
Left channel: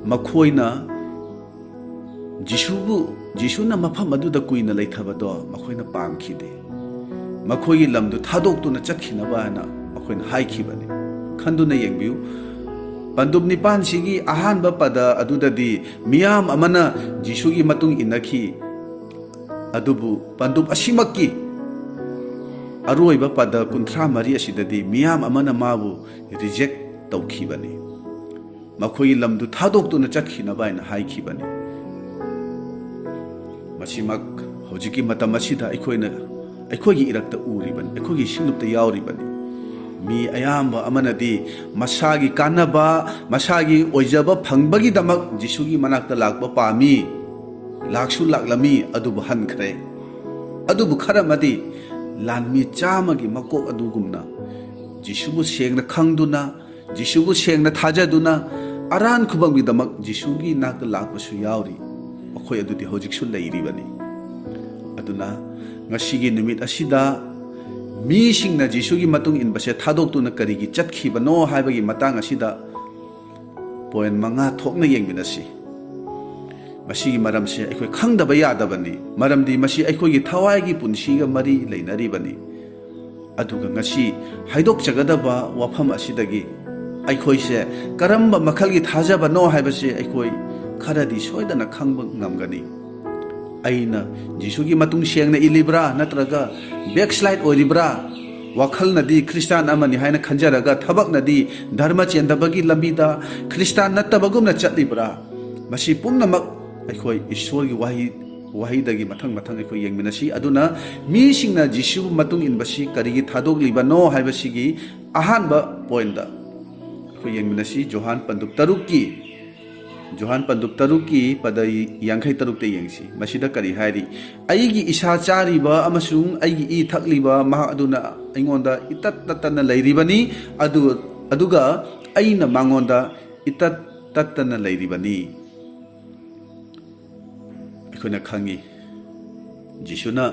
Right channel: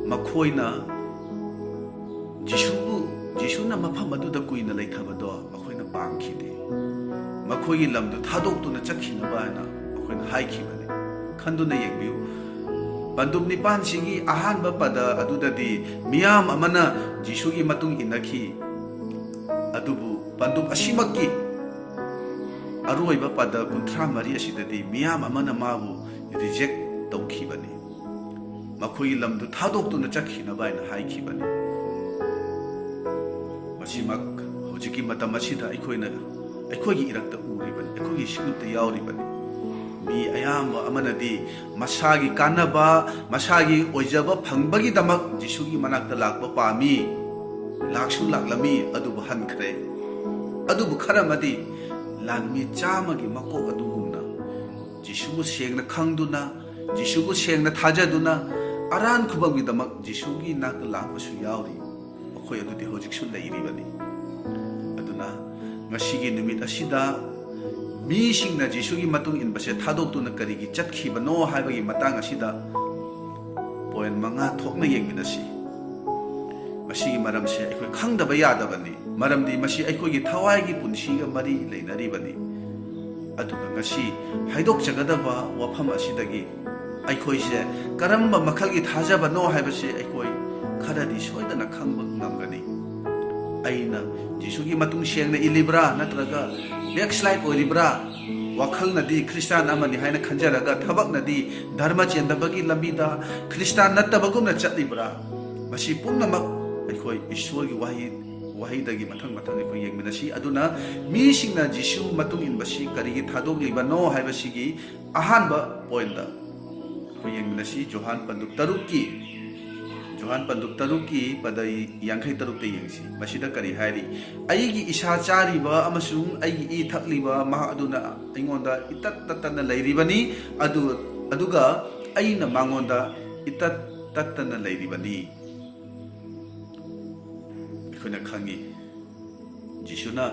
ꯃꯈꯣꯏꯅ ꯖꯤꯁꯨꯅ ꯃꯐꯝ ꯑꯗꯨꯗ ꯀꯨꯏꯅ ꯂꯩꯊꯕꯗꯣ ꯃꯈꯣꯏꯅ ꯄꯥꯝꯈꯤꯗꯦ꯫ ꯃꯈꯣꯏꯒꯤ ꯂꯝꯗꯨ ꯊꯥꯗꯣꯛꯇꯨꯅ ꯆꯠꯈꯤꯅꯕ ꯍꯥꯏꯅ ꯃꯈꯣꯏꯅ ꯍꯥꯏꯈꯤꯕꯅꯤ꯫ ꯈꯟꯗꯨꯅ ꯌꯦꯡꯕꯤꯌꯨ, ꯄꯟꯗꯨꯞ 9 ꯑꯍꯥꯟꯕ ꯄꯗ ꯑꯗꯨꯗꯗꯤ ꯃꯤꯌꯥꯝ ꯑꯃꯅ ꯖꯤꯁꯨꯒꯤ ꯃꯇꯨꯡ ꯏꯟꯅꯈꯤ꯫ ꯑꯗꯨꯕꯨ ꯄꯟꯗꯨꯞ ꯑꯁꯤꯃꯛꯀꯤ ꯑꯔꯣꯏꯕ ꯄꯗ 34 ꯑꯁꯤꯗꯗꯤ ꯃꯤꯌꯥꯝ ꯑꯃꯅ ꯃꯥꯕꯨ ꯔꯤꯖꯦꯛ ꯇꯧꯈꯤꯕꯅꯤ꯫ ꯃꯈꯣꯏꯒꯤ ꯂꯝꯗꯨ ꯊꯥꯗꯣꯛꯇꯨꯅ ꯆꯠꯈꯤꯅꯕ ꯍꯥꯏꯅ ꯍꯥꯏꯈꯤꯕꯅꯤ꯫ ꯃꯁꯤꯃꯛ ꯍꯧꯖꯤꯛꯀꯤ ꯃꯇꯝ ꯑꯁꯤꯗ ꯑꯩꯈꯣꯏꯒꯤ ꯏꯔꯛꯇ ꯎꯔꯤꯕꯅꯤ, ꯑꯩꯈꯣꯏꯒꯤ ꯁꯤꯡꯂꯨꯞꯇ ꯌꯥꯎꯔꯤꯕꯅꯤ꯫ mi ayamba amanadi masagi kanaba masagi oijaba phangbagidamak Jisugi manakta lakba pami laksu laklami adubu hankhre adubu kharamadi lanmi chamagi makok adugumna Jisubu sengna khangduna Jisubu sengna thajaduna aran khubanggidamak Jisugi nakta lakbasu yauri makhoi adudi hojiksu leiribani aduna ngasigi numit asida 미싱나 지수기 마tung 인바세 타독두나 거리기 zatkhibano 하이버기 matang asida poin manga thokna yengminasi masigi maramse aikoi khangdaba yadabani maramdi masi aikoi gi thawai gi punsiga mari leinaribani aduga ngasi haidok jagadaba wafam asidagi aikoi se karamba makhalgi thajabano haibase aikoi kharadi soidana khangba ngamgani aina Jisugi matung sengna ilibra natraga backslide oribra wakhal nadi Christian amani haina khanjaraga thabak nadi dharma chendabagi lambida Christian natabagumna chatlibra masi pumnamak aikoi ishwar gi wahi dagi mathang aikoi yengminasi aduna mi singna Jisu matung inbasi karigi thadok libano haibasigi ahanba point da aikoi yengminasi Johan panduk tarukki Johan panduk taruki pada yangkai taruk te yengsi masida kari hari aigi isa cari ba amasung aigi I thakli ba maha aduna aingonda itat tatana lairibani aduga aina mangonda itat tatana lairibani ikona khangi Jisuna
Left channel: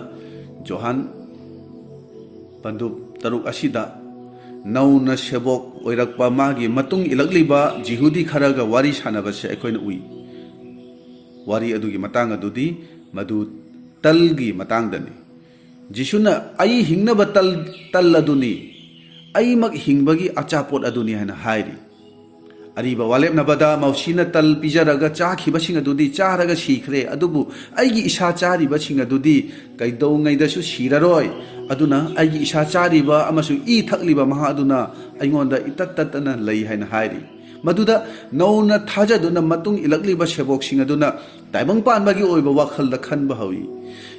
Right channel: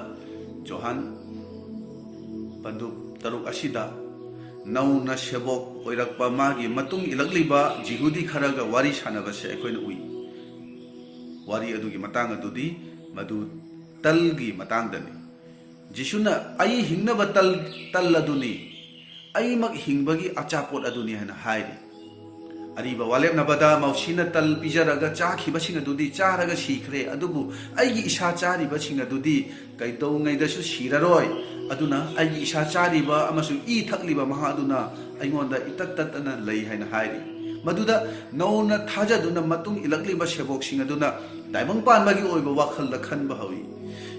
Johan panduk taruk asida nauna sebok oirakpa magi matung ilagliba jihudi kharaga wari sanabase aikoina ui wari adugi matang adudi madu talgi matang dani Jisuna ai hingnaba tal aduni ai mak hingbagi achapot aduni hana hairi ariba walep nabada mausina tal pijaraga chakhiba singa dudi charaga sikhre adubu aigi isa chariba singa dudi kaidau ngaidasu siraroi aduna aigi isa chariba amasu I thakliba maha aduna aingonda itat tatana lei haina hairi maduda nauna thajaduna matung ilakliba sebok sing aduna taimang panbagi oiba wakhalda khanba hawi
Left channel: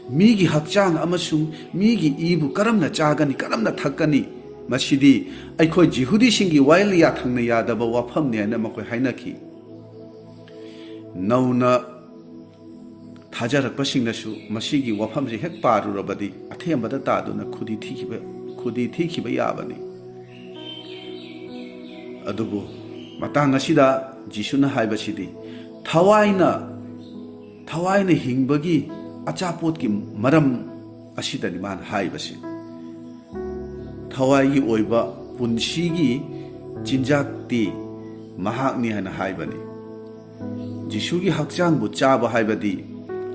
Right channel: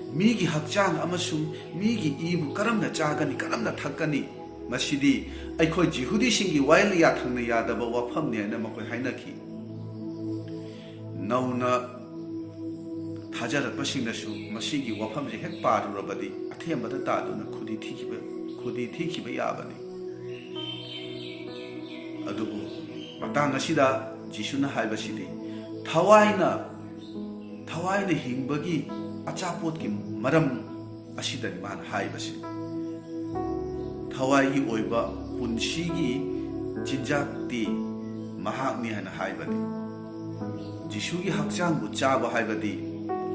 migi hakchang amasung migi ibu karamna chagani karamna thakani masidi aikoi jihudi singi waili ya thangna yadaba wafam ne na makoi hainaki nauna थाजारपसिंगसु मसीगी वफमसे हेक पारुरबदि अथेमबदा तादुना खुदी थीखिबा याबनि अदुबु matang asida Jisuna haibasidi thawaina hingbagi achapot ki maram asida ni man haibasi thawai oiba punsigi jinjakti mahakni hana haibani Jisugi hakchang bu chaba haibadi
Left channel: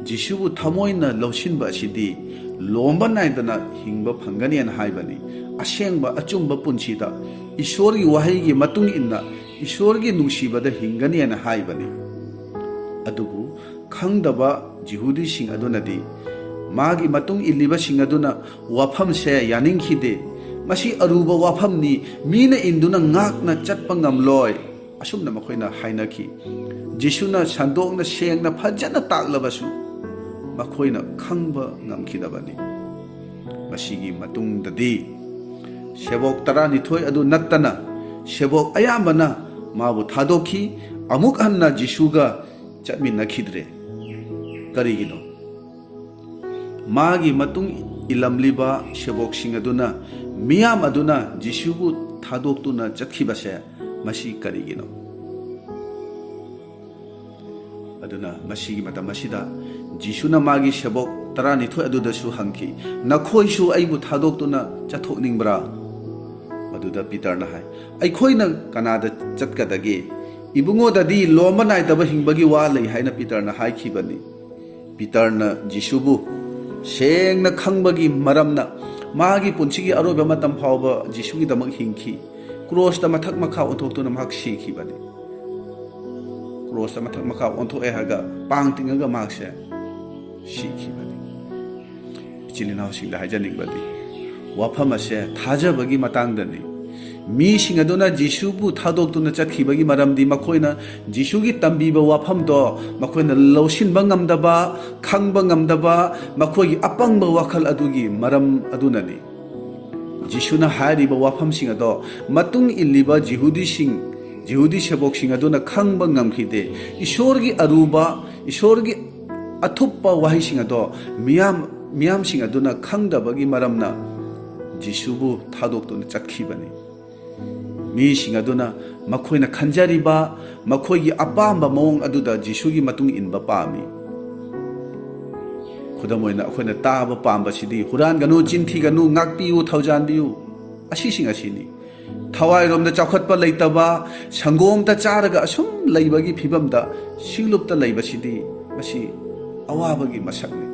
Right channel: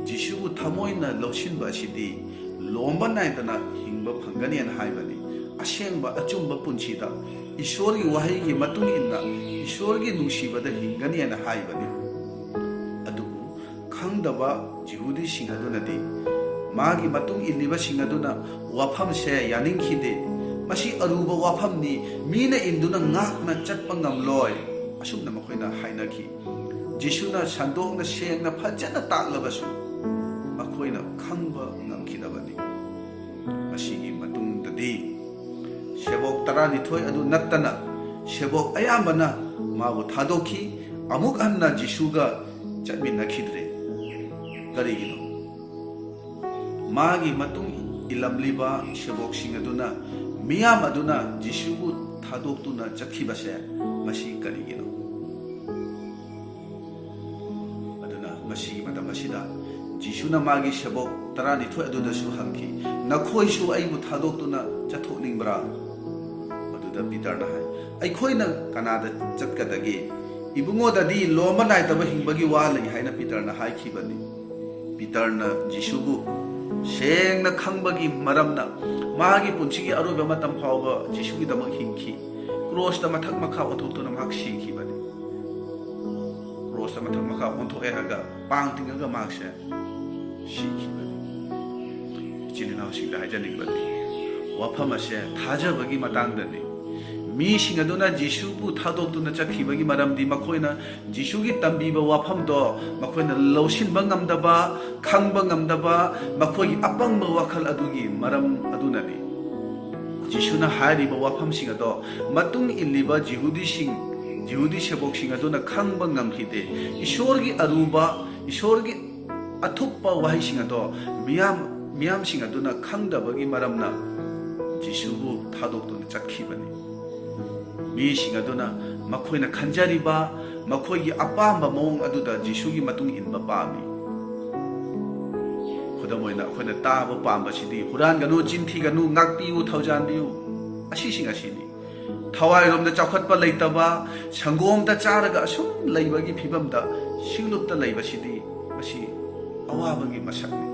Jisubu thamoina loshinba asidi lomba naidana hingba phangani an haibani asengba achumba punsida ishorgi wahaigi matung inna ishorgi nungsibada hingani an haibani adubu khangdaba jihudi singadunadi magi matung illiba singaduna wafam se yaningkhide masi aruba wafamni mina induna ngakna chatpa ngamloi asumna makhoina hainaki Jisuna sandokna sengna phajana taklabasu makhoina khangba ngamkhidabani masigi matungdadi sebok tarani thoi adu nattana sebok ayambana mabu thadokhi amuk hanna Jisuga chatminakhidre karigino magi matung ilamliba sebok singaduna miyam aduna Jisubu thadoktuna chakhibase masi karigino aduna masigi mata masida Jisuna magi sebok tarani thoi aduda su hangki nakhoi su aibu thadoktuna chathokningbra maduda Peter na hai aikhoina kanada chatkadagi ibungo dadi loma naitaba hingbagi wa lei haina Peter na hai khibani Peter na Jisubu sengna khangbagi maramna magi punchigi aroba matam phawba Jisugi damak hingki cross ta mathak makha othoktuna mak sikhibani cross ta mathak makha onthoe haga pangtinga makse 시키버니 진이나오 싱다 하자니거디 와파마세 타자버기 마땅더니 미싱아도나 지수부 타독도나 짝히버기 마람디 마코이나 지수기 땀비바 와팜도 마코이나 로신바 ngam다바 캉바 ngam다바 마코이 아빵바 와칼 아두기 마람 아두나니 Jishuna hariba wafamsing ado matung illiba Jihudi sebokshing aduna khangba ngamkhide Ishorgi aruba Ishorgi atuppa wahising ado miyam sing aduna khangdabagi maramna Jisubu thadokduna chatkibani mi sing aduna makhoina khanjariba makhoigi apamba mawong aduda Jisugi matung inba pami Kudamoina akhona taba pamba sidi huran ganu jinthi ganu ngakpiu thaujanbiu asising asini thawai romda chakhatpa leitaba sangom ta charaga asum leibagi phibamda singlupta leiba sidi masi awabagi masakni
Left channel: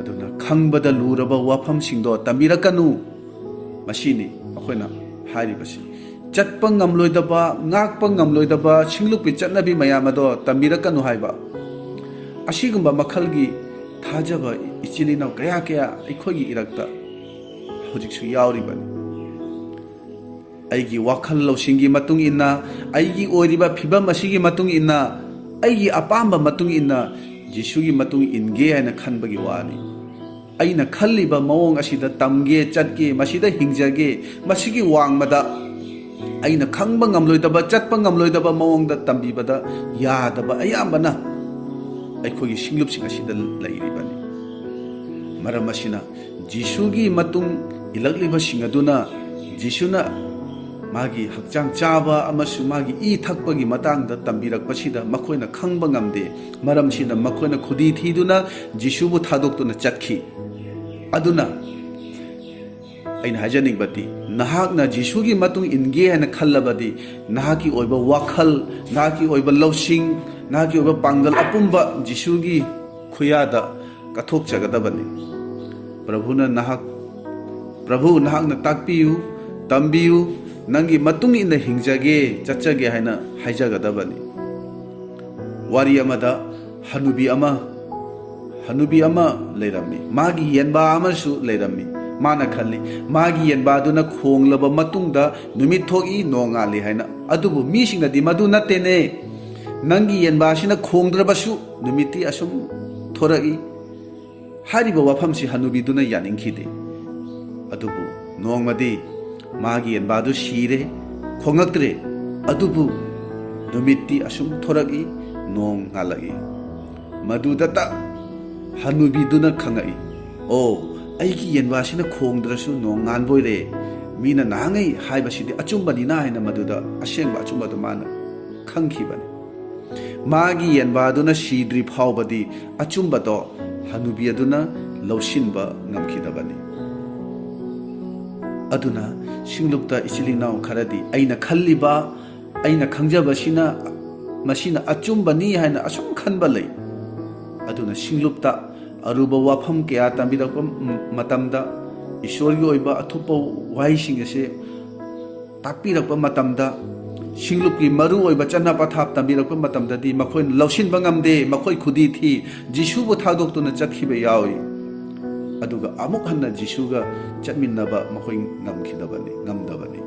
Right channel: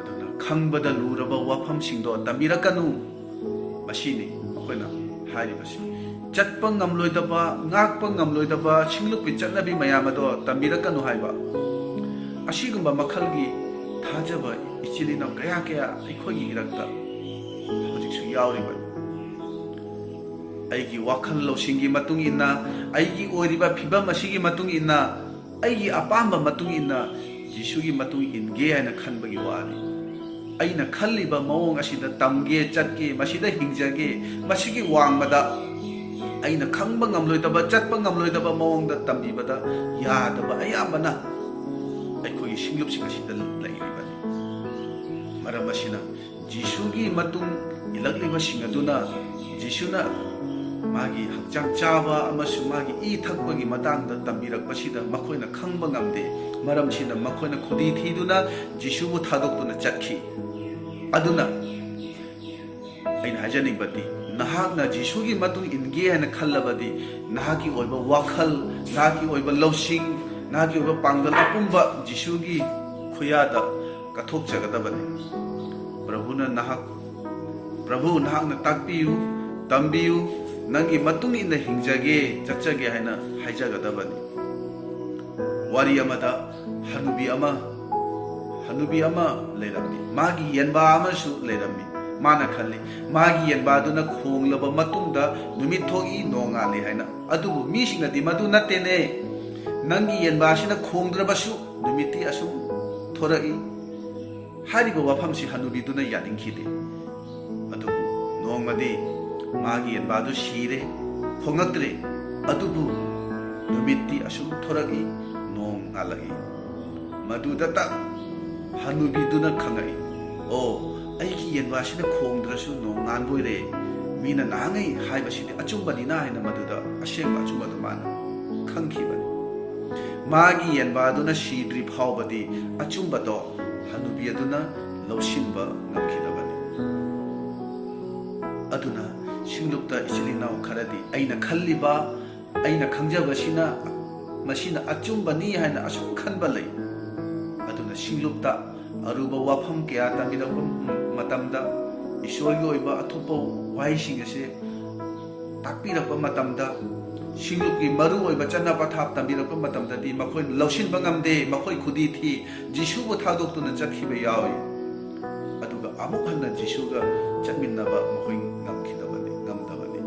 aduna khangbada luraba wafam singdo tamirakanu masini akhona haribasi chatpa ngamloidaba ngakpa ngamloidaba singlupi chatnabi mayamado tamirakanu haiba Ashigumba makhalgi thajaba ichilina kaya ikhogi irakta hojiksu yauribani aigi wakhal lawsingi matung inna aigi oiriba phibam asigi matung inna aigi apamba matung inna Jisugi matung inge haina khanbagi wani aina khalliba mawong asida tamge chatge masida hingjage masigi wangmada aina khangba ngamloidaba chatpa ngamloidaba mawongda tambibada yadaba ayambana ꯑꯩꯈꯣꯏꯒꯤ ꯁꯤꯡꯂꯨꯞꯁꯤꯡ ꯑꯁꯤꯗ ꯂꯩꯔꯤꯕꯅꯤ ꯃꯔꯝ ꯑꯁꯤꯅ ꯖꯤꯁꯨꯒꯤ ꯃꯇꯨꯡ ꯏꯜꯂꯛꯂꯤꯕꯁꯤꯡ ꯑꯗꯨꯅ ꯖꯤꯁꯨꯅ ꯃꯥꯒꯤ ꯍꯛꯆꯥꯡ ꯆꯥꯕ ꯑꯃꯁꯨꯡ ꯃꯥꯒꯤ ꯏ ꯊꯛꯄꯒꯤ ꯃꯇꯥꯡꯗ ꯇꯝꯕꯤꯔꯛꯄꯁꯤꯗ ꯃꯈꯣꯏꯅ ꯈꯪꯕ ꯉꯝꯗꯦ ꯃꯔꯝꯁꯤꯅ ꯃꯈꯣꯏꯅ ꯈꯨꯗꯤ ꯊꯤꯗꯨꯅ ꯖꯤꯁꯨꯕꯨ ꯊꯥꯗꯣꯛꯇꯨꯅ ꯆꯠꯈꯤ ꯑꯗꯨꯅ ꯑꯩꯅ ꯍꯥꯏꯖꯅꯤꯡꯕꯗꯤ ꯅꯍꯥꯛꯅ ꯖꯤꯁꯨꯒꯤ ꯃꯇꯨꯡ ꯏꯟꯒꯦ ꯍꯥꯏꯅ ꯈꯜꯂꯕꯗꯤ ꯅꯍꯥꯛꯀꯤ ꯑꯣꯏꯕ ꯋꯥꯈꯜ ꯅꯍꯥꯛꯀꯤ ꯑꯣꯏꯕ ꯂꯧꯁꯤꯡ nahaki oba panggal apumba Jisugi khuyada kathok jagadabani Prabhu nahak na takpiyu tambiyu nangi matung inda hingjage chachage haina haijagadabani wari amada hanubi ama leirammi magi yenba amasu leirammi mana khalli magi yenba aduna khonglaba matungda numit thogi nongali haina adubu mi singna di madu natene Nangi yenbasina khongdrabasu numiti asum thorai hariba wafamsi hanubiduna yaningkhide adubu nongmadi magi yenbadu shire khongaktre adubu numiti asum thorai nong ngalagi madudata hanubiduna khangai o aigi yenbasina khongdrasu nong nganboire mina nangai haibasidi achumbani na haina maduda ashengba achumbadu mana khangkhibani Magi yenbaduna shidri phawbadi achumbado hanubi aduna lawsinba ngamkhidabani aduna singlupta ichilinaw kharadi aina khalliba aina khangjabasina masina achumbani haina asum khanba lei aduna singlupta aruba wafam kya tambirakpa matamda ishorgi oiba athupa waising ase takpirakpa matamda Singlupi maru oiba channa pathap tambirakpa matamdadi makhoi lawsinba ngamde makhoi khudi thi Jisubu thadokduna chatkhiba yawi aduga amuk hanna Jisuga chatminnaba makhoi ngamdabani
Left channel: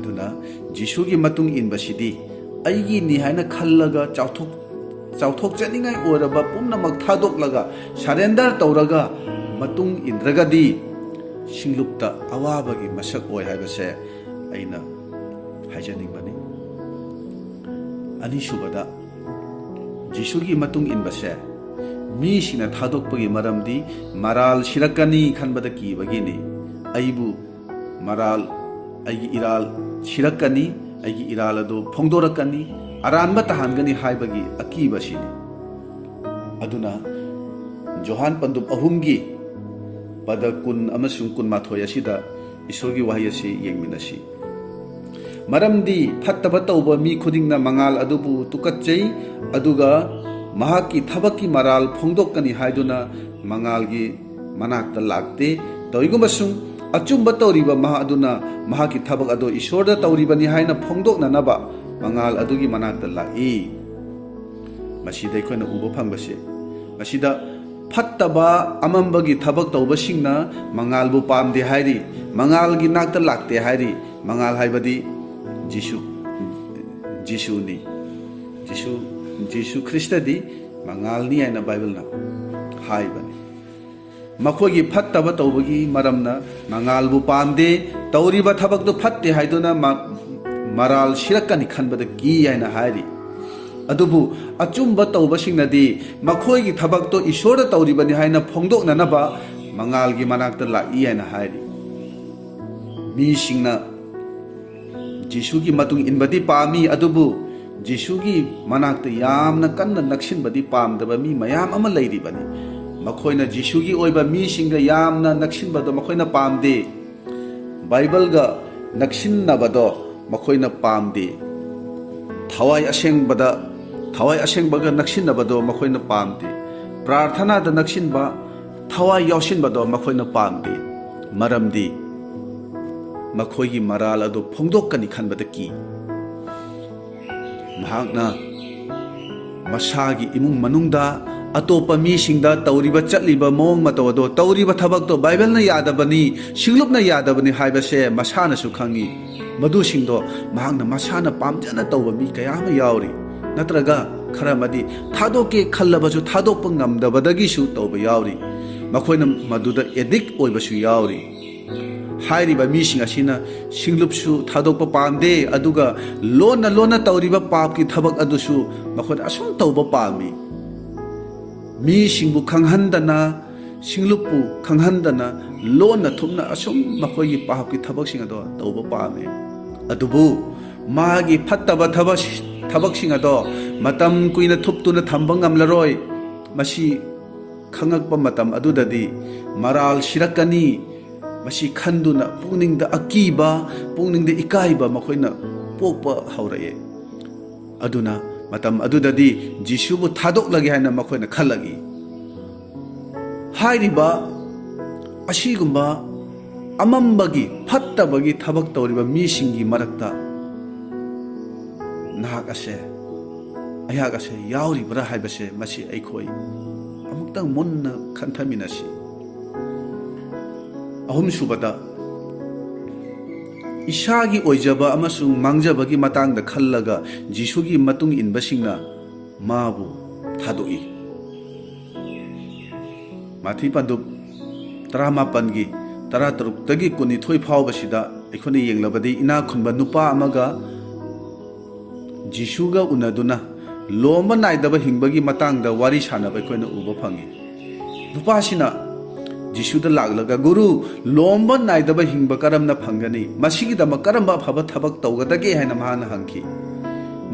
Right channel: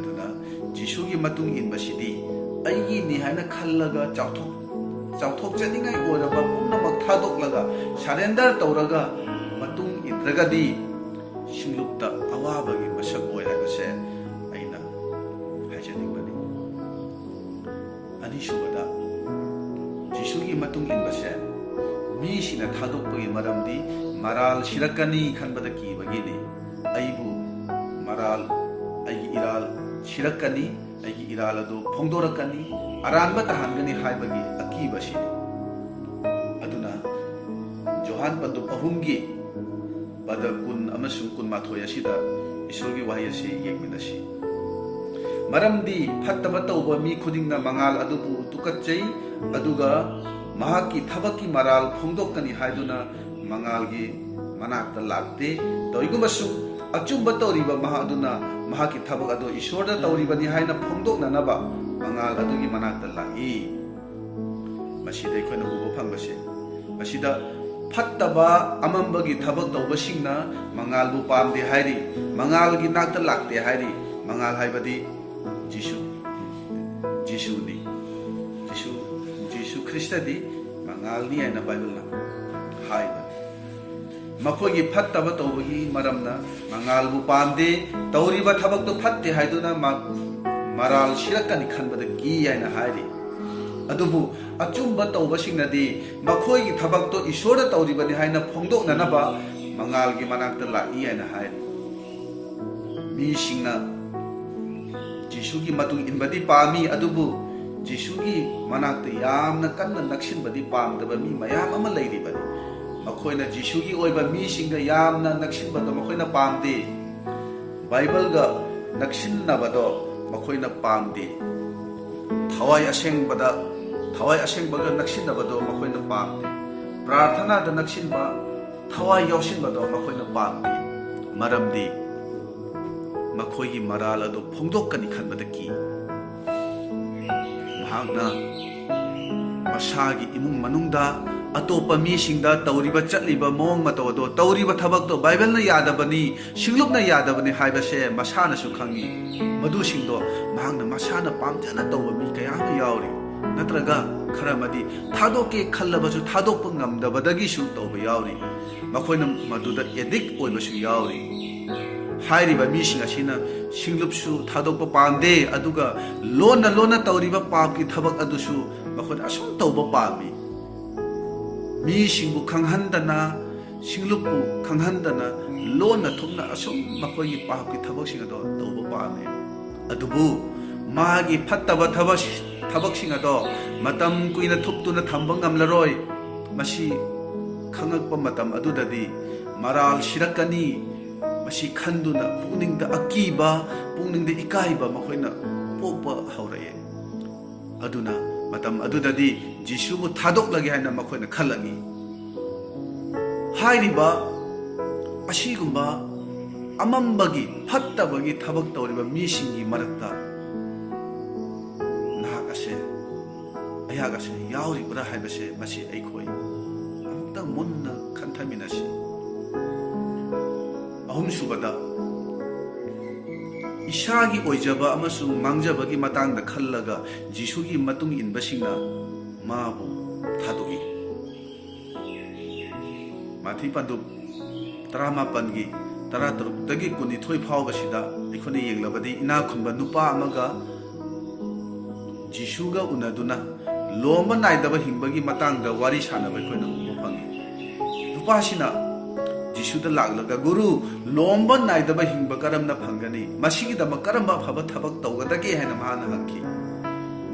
aduna Jisugi matung inbasidi aigi ni haina khallaga chauthok chaningai oraba pumnamak thadoklaga surrender tawraga matung indragadi singlupta awabagi masak oi haibase aina haijaningbani anisubada Jisugi matung inbase mi sina thadokpagi maramdi maral sirakani khanbada kibagini aibu maral aigi iral sirakani aigi iral adu phongdorakani aranba tahangani haibagi akibasini aduna Johan Pandup ahumgi pada kun amasung kun mathoya sida isurgi wahayasi yengminasi Maramdi fattaba tauba mi khudingna mangal adubu tukatchei aduga mahaki thabaki maral phongdokkani haiduna mangalgi manakta lakte toigumasung achumba tawriba maha aduna mahaki thabak ado ishorda tawribani haina phongdokna naba mangal adugi manakta lai masida ikhona ubo phangbase masida fattaba amambagi thabak tawbasingna mangalbu pamde hairi mangalgi nakta lakte hairi mangal haibadi Jisu Krista di mangal ni ay na Bible na haiba ꯃꯈꯣꯏꯒꯤ ꯐꯠꯇꯕ ꯇꯧꯕꯒꯤ ꯃꯔꯝꯅ ꯃꯉꯥꯜꯕꯨ ꯄꯥꯝꯗꯦ ꯇꯧꯔꯤꯕ ꯊꯕꯛꯇꯨ ꯐꯠꯇꯦ ꯍꯥꯏꯗꯨꯅ ꯃꯔꯥꯜ ꯁꯤꯔꯛꯀꯅꯤ ꯈꯟꯕꯗ ꯀꯤ ꯍꯥꯏꯅ ꯍꯥꯏꯔꯤ ꯑꯗꯨꯕꯨ ꯑꯆꯨꯝꯕ ꯇꯧꯕꯁꯤꯡꯅꯗꯤ ꯃꯈꯣꯏꯒꯤ ꯊꯕꯛꯇꯨ ꯏꯁꯣꯔꯗ ꯇꯧꯔꯤꯕꯅꯤ ꯍꯥꯏꯅ ꯐꯣꯡꯗꯣꯛꯅꯅꯕ ꯃꯉꯥꯜꯒꯤ ꯃꯅꯥꯛꯇ ꯂꯥꯛꯏ ꯍꯥꯏꯅ ꯍꯥꯏꯔꯤ ꯃꯤꯁꯤꯡꯅ ꯖꯤꯁꯨꯒꯤ ꯃꯇꯨꯡ ꯏꯟꯕꯗꯤ ꯄꯥꯝꯃꯤ ꯑꯗꯨꯕꯨ ꯖꯤꯁꯨꯒꯤ ꯃꯅꯥꯛꯇ ꯌꯥꯝꯅ ꯀꯟꯅ ꯅꯛꯁꯤꯟꯕꯗꯤ ꯄꯥꯝꯗꯕ ꯃꯤ ꯃꯌꯥꯝ ꯑꯃ ꯂꯩꯔꯤꯕꯅꯤ ꯃꯈꯣꯏꯅ ꯖꯤꯁꯨꯒꯤ ꯑꯣꯏꯕ ꯃꯤꯁꯤꯡꯒ ꯌꯥꯝꯅ ꯅꯛꯁꯤꯟꯕꯗꯣ ꯃꯈꯣꯏꯅ ꯄꯥꯝꯗꯦ ꯕꯥꯏꯕꯜꯒ ꯅꯛꯁꯤꯟꯅꯕꯗꯣ ꯃꯈꯣꯏꯅ ꯄꯥꯝꯗꯦ ꯊꯋꯥꯏ ꯑꯁꯦꯡꯕꯒ ꯅꯛꯁꯤꯟꯅꯕꯗꯣ ꯃꯈꯣꯏꯅ ꯄꯥꯝꯗꯦ ꯄ꯭ꯔꯥꯔꯊꯅꯥꯗ ꯅꯛꯁꯤꯟꯕ ꯊꯋꯥꯏ ꯌꯥꯎꯁꯤꯟꯕꯗꯣ ꯃꯈꯣꯏꯅ ꯄꯥꯝꯗꯦ ꯃꯔꯝꯗꯤ ꯃꯈꯣꯏꯒꯤ ꯃꯔꯥꯜ ꯑꯗꯨ ꯐꯣꯡꯗꯣꯛꯀꯅꯤ ꯈꯟꯕꯗ ꯀꯤ ꯃꯍꯥꯛꯅ ꯃꯁꯥꯒꯤ ꯏꯃꯨꯡ ꯃꯅꯨꯡꯗ ꯑꯇꯣꯞꯄ ꯃꯤꯁꯤꯡꯗ ꯇꯧꯔꯤꯕ ꯆꯠꯂꯤꯕ ꯃꯑꯣꯡ ꯃꯇꯧ ꯑꯗꯣ ꯇꯧꯔꯤꯕ ꯊꯕꯛꯇꯣ ꯕꯥꯏꯕꯜꯅ ꯌꯥꯗꯕꯅꯤ ꯁꯤꯡꯂꯨꯞꯅ ꯌꯥꯗꯕꯅꯤ ꯍꯥꯏꯕꯁꯦ ꯃꯁꯥꯅꯁꯨ ꯈꯪꯉꯤ ꯃꯗꯨꯁꯤꯡꯗꯣ ꯃꯍꯥꯛꯅ ꯃꯁꯥꯅ ꯄꯥꯝꯖꯅ ꯇꯧꯕ ꯃꯤ ꯀꯌా ꯑꯃ ꯌꯥꯎꯔꯤ ꯅꯠꯇ꯭ꯔꯒ ꯈꯔ ꯑꯃꯗꯤ ꯊꯥꯗꯣꯛꯀꯦ ꯈꯜꯂꯕꯁꯨ ꯊꯥꯗꯣꯛꯄ ꯉꯝꯗꯕꯗꯒꯤꯁꯨ ꯇꯧꯕ ꯌꯥꯎꯔꯤ ꯃꯈꯣꯏꯅ ꯃꯗꯨꯗ ꯑꯦꯗꯤꯛ ꯑꯣꯏꯕꯁꯨ ꯌꯥꯎꯔꯤ ꯍꯥꯏꯔꯤꯕ ꯃꯤꯁꯤꯡ ꯑꯁꯤꯅ ꯁꯤꯡꯂꯨꯞꯁꯨ ꯊꯥꯗꯣꯛꯄ ꯄꯥꯝꯗꯦ ꯑꯗꯨꯒ ꯂꯣꯟꯅ ꯇꯧꯔꯤꯕ ꯄꯥꯞꯀꯤ ꯊꯕꯛ ꯑꯗꯨꯁꯨ ꯃꯈꯣꯏꯅ ꯑꯁꯨꯝ ꯇꯧꯕ ꯄꯥꯝꯃꯤ ꯃꯤꯁꯤꯡꯕꯨ ꯈꯪꯍꯟꯗꯅ ꯁꯤꯡꯂꯨꯞꯄꯨ ꯈꯪꯍꯟꯗꯅ ꯂꯣꯟꯅ ꯊꯨꯞꯅ ꯑꯁꯨꯝ ꯃꯈꯣꯏꯒꯤ ꯄꯥꯞꯀꯤ ꯊꯕꯛꯁꯤꯡ ꯑꯗꯣ ꯇꯧꯕ ꯄꯥꯝꯃꯤ ꯑꯗꯨꯕꯨ ꯃꯥꯒꯤ ꯐꯠꯇꯕ ꯊꯕꯛꯁꯤꯡ ꯑꯗꯣ ꯃꯇꯝ ꯀꯨꯏꯅ ꯊꯨꯞꯇꯨꯅ ꯊꯝꯕ ꯉꯝꯂꯔꯣꯏ ꯃꯁꯤ ꯈꯪꯉꯛꯄ ꯃꯇꯝ ꯑꯗꯨꯗꯗꯤ ꯃꯔꯥꯜ ꯁꯤꯔꯛꯀꯅꯤ ꯃꯁꯤ ꯈꯟꯗꯨꯅ ꯄꯨꯛꯅꯤꯡꯗ ꯑꯀꯤꯕ ꯄꯨꯛꯅꯤꯡꯗ ꯏꯀꯥꯏꯕ ꯃꯈꯣꯏꯅ ꯄꯣꯛꯄ ꯍꯧꯔꯛꯑꯦ ꯑꯗꯨꯅ ꯃꯇꯝ ꯑꯗꯨꯗꯗꯤ ꯖꯤꯁꯨꯕꯨ ꯊꯥꯗꯣꯛꯂꯒꯦ ꯍꯥꯏꯅ ꯃꯈꯣꯏꯅ ꯈꯜꯂꯛꯏ ꯍꯥꯏꯔꯤꯕ ꯑꯁꯤꯒꯨꯝꯕ ꯑꯃꯝꯕꯒꯤ ꯐꯠꯇꯕꯒꯤ ꯊꯕꯛ ꯇꯧꯔꯤꯕ ꯃꯤꯁꯤꯡꯒꯤ ꯃꯔꯛꯇ ꯑꯩꯍꯥꯛ ꯑꯁꯦ ꯌꯥꯎꯔꯤꯕ꯭ꯔꯥ ꯍꯥꯏꯕꯁꯦ ꯃꯁꯤ ꯑꯩꯈꯣই ꯑꯃꯨꯛꯇꯪ ꯃꯨꯟꯅ ꯈꯟꯊꯃꯤꯟꯅꯁꯤ ꯑꯍꯨꯝꯁꯨꯕꯗ ꯏꯁꯥꯒꯤ ꯑꯣꯏꯖꯕ ꯑꯃꯁꯨꯡ ꯃꯥꯡꯖꯕꯒꯤ ꯃꯇꯥꯡꯗ ꯈꯜꯂꯒ ꯖꯤꯁꯨꯒꯤ ꯃꯇꯨꯡ ꯏꯟꯕꯁꯤꯡꯅ ꯃꯥꯕꯨ ꯊꯥꯗꯣꯛꯏ ꯃꯥꯊꯤ ꯄꯟꯗꯨꯞ 17ꯒꯤ 13ꯗꯒꯤ 22 ꯐꯥꯎꯕꯁꯤꯗ ꯑꯩꯈꯣꯏꯅ ꯌꯦꯡꯂꯕꯗꯤ ꯏꯅꯥꯛ ꯈꯨꯟꯕ ꯅꯨꯄꯥ ꯑꯃꯒ ꯖꯤꯁꯨꯒ ꯎꯅꯗꯨꯅ ꯂꯣꯝꯕ ꯅꯥꯏꯗꯕ ꯍꯤꯡꯕꯒꯤ ꯃꯇꯥꯡꯗ ꯋꯥꯔꯤ ꯁꯥꯟꯅꯕ ꯑꯩꯈꯣꯏꯅ ꯎꯕ ꯐꯪꯏ ꯅꯨꯄꯥꯁꯤꯅ ꯖꯤꯁꯨꯗ ꯂꯥꯛꯂꯒ ꯒꯨꯔꯨ ꯂꯣꯝꯕ ꯅꯥꯏꯗꯕ ꯍꯤꯡꯕ ꯀꯔꯝꯅ ꯐꯪꯒꯅꯤ ꯃꯁꯤꯒꯤꯗꯃꯛ ꯀꯔꯝꯕ ꯑꯐꯕ ꯊꯕꯛ ꯇꯧꯒꯗꯒꯦ ꯍꯥꯏꯅ ꯃꯍꯥꯛꯅ ꯍꯪꯈꯤ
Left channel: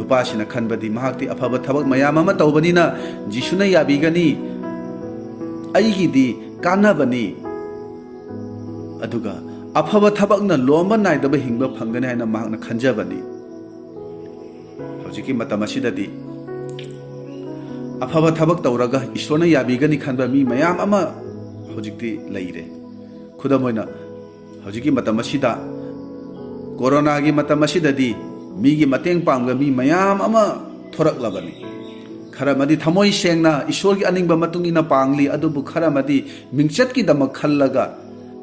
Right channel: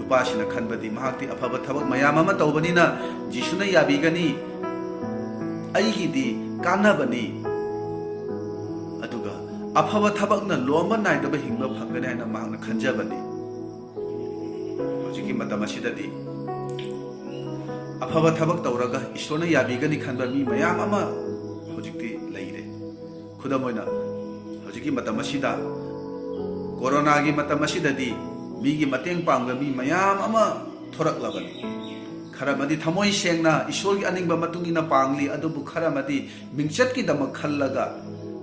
ꯅꯨꯄꯥꯁꯤꯅ ꯈꯟꯕꯗꯤ ꯃꯍꯥꯛꯇꯤ ꯑꯐꯕ ꯊꯕꯛ ꯃꯌꯥꯝ ꯑꯃ ꯇꯧꯕꯅꯤꯅ ꯖꯤꯁꯨꯅ ꯌꯥꯕꯤꯒꯅꯤ ꯑꯩꯒꯤꯗꯤ ꯀꯥꯟꯅꯕꯅꯤ ꯑꯗꯨꯒ ꯑꯐꯕ ꯊꯕꯛꯅ ꯂꯣꯝꯕ ꯅꯥꯏꯗꯕ ꯍꯤꯡꯕ ꯐꯪꯒꯅꯤ ꯍꯥꯏꯅ ꯃꯍꯥꯛꯅ ꯈꯟꯖꯕꯅꯤ ꯍꯧꯖꯤꯛꯀꯤ ꯃꯇꯝ ꯑꯁꯤꯗꯗꯤ ꯑꯐꯕ ꯊꯕꯛ ꯇꯧꯔꯒ ꯏꯁꯣꯔꯅ ꯌꯥꯕꯤꯒꯅꯤ ꯈꯟꯕ ꯃꯤ ꯃꯌꯥꯝ ꯑꯃ ꯍꯧꯖꯤꯛꯇꯤ ꯂꯩꯔꯦ ꯈꯨꯗꯝ ꯑꯣꯏꯅ ꯍꯧꯖꯤꯛꯀꯤ ꯃꯇꯝ ꯑꯁꯤꯗ ꯀꯣꯔꯣꯅꯥꯒꯤ ꯃꯇꯝ ꯑꯁꯤꯗꯗꯤ ꯃꯤꯒꯤ ꯃꯇꯦꯡ ꯄꯥꯡꯕ ꯃꯤ ꯃꯌꯥꯝ ꯑꯃ ꯊꯣꯔꯛꯂꯕꯅꯤ ꯈꯔ ꯑꯃꯗꯤ ꯊꯃꯣꯏ ꯁꯦꯡꯅ ꯏꯁꯣꯔꯒꯤ ꯑꯅꯤꯡꯕ ꯃꯇꯨꯡ ꯏꯟꯅ ꯄꯥꯡꯂꯤ ꯑꯗꯨꯕꯨ ꯈꯔ ꯑꯃꯗꯤ ꯃꯤꯡꯆꯠꯀꯤꯗꯃꯛ ꯈꯜꯂꯒ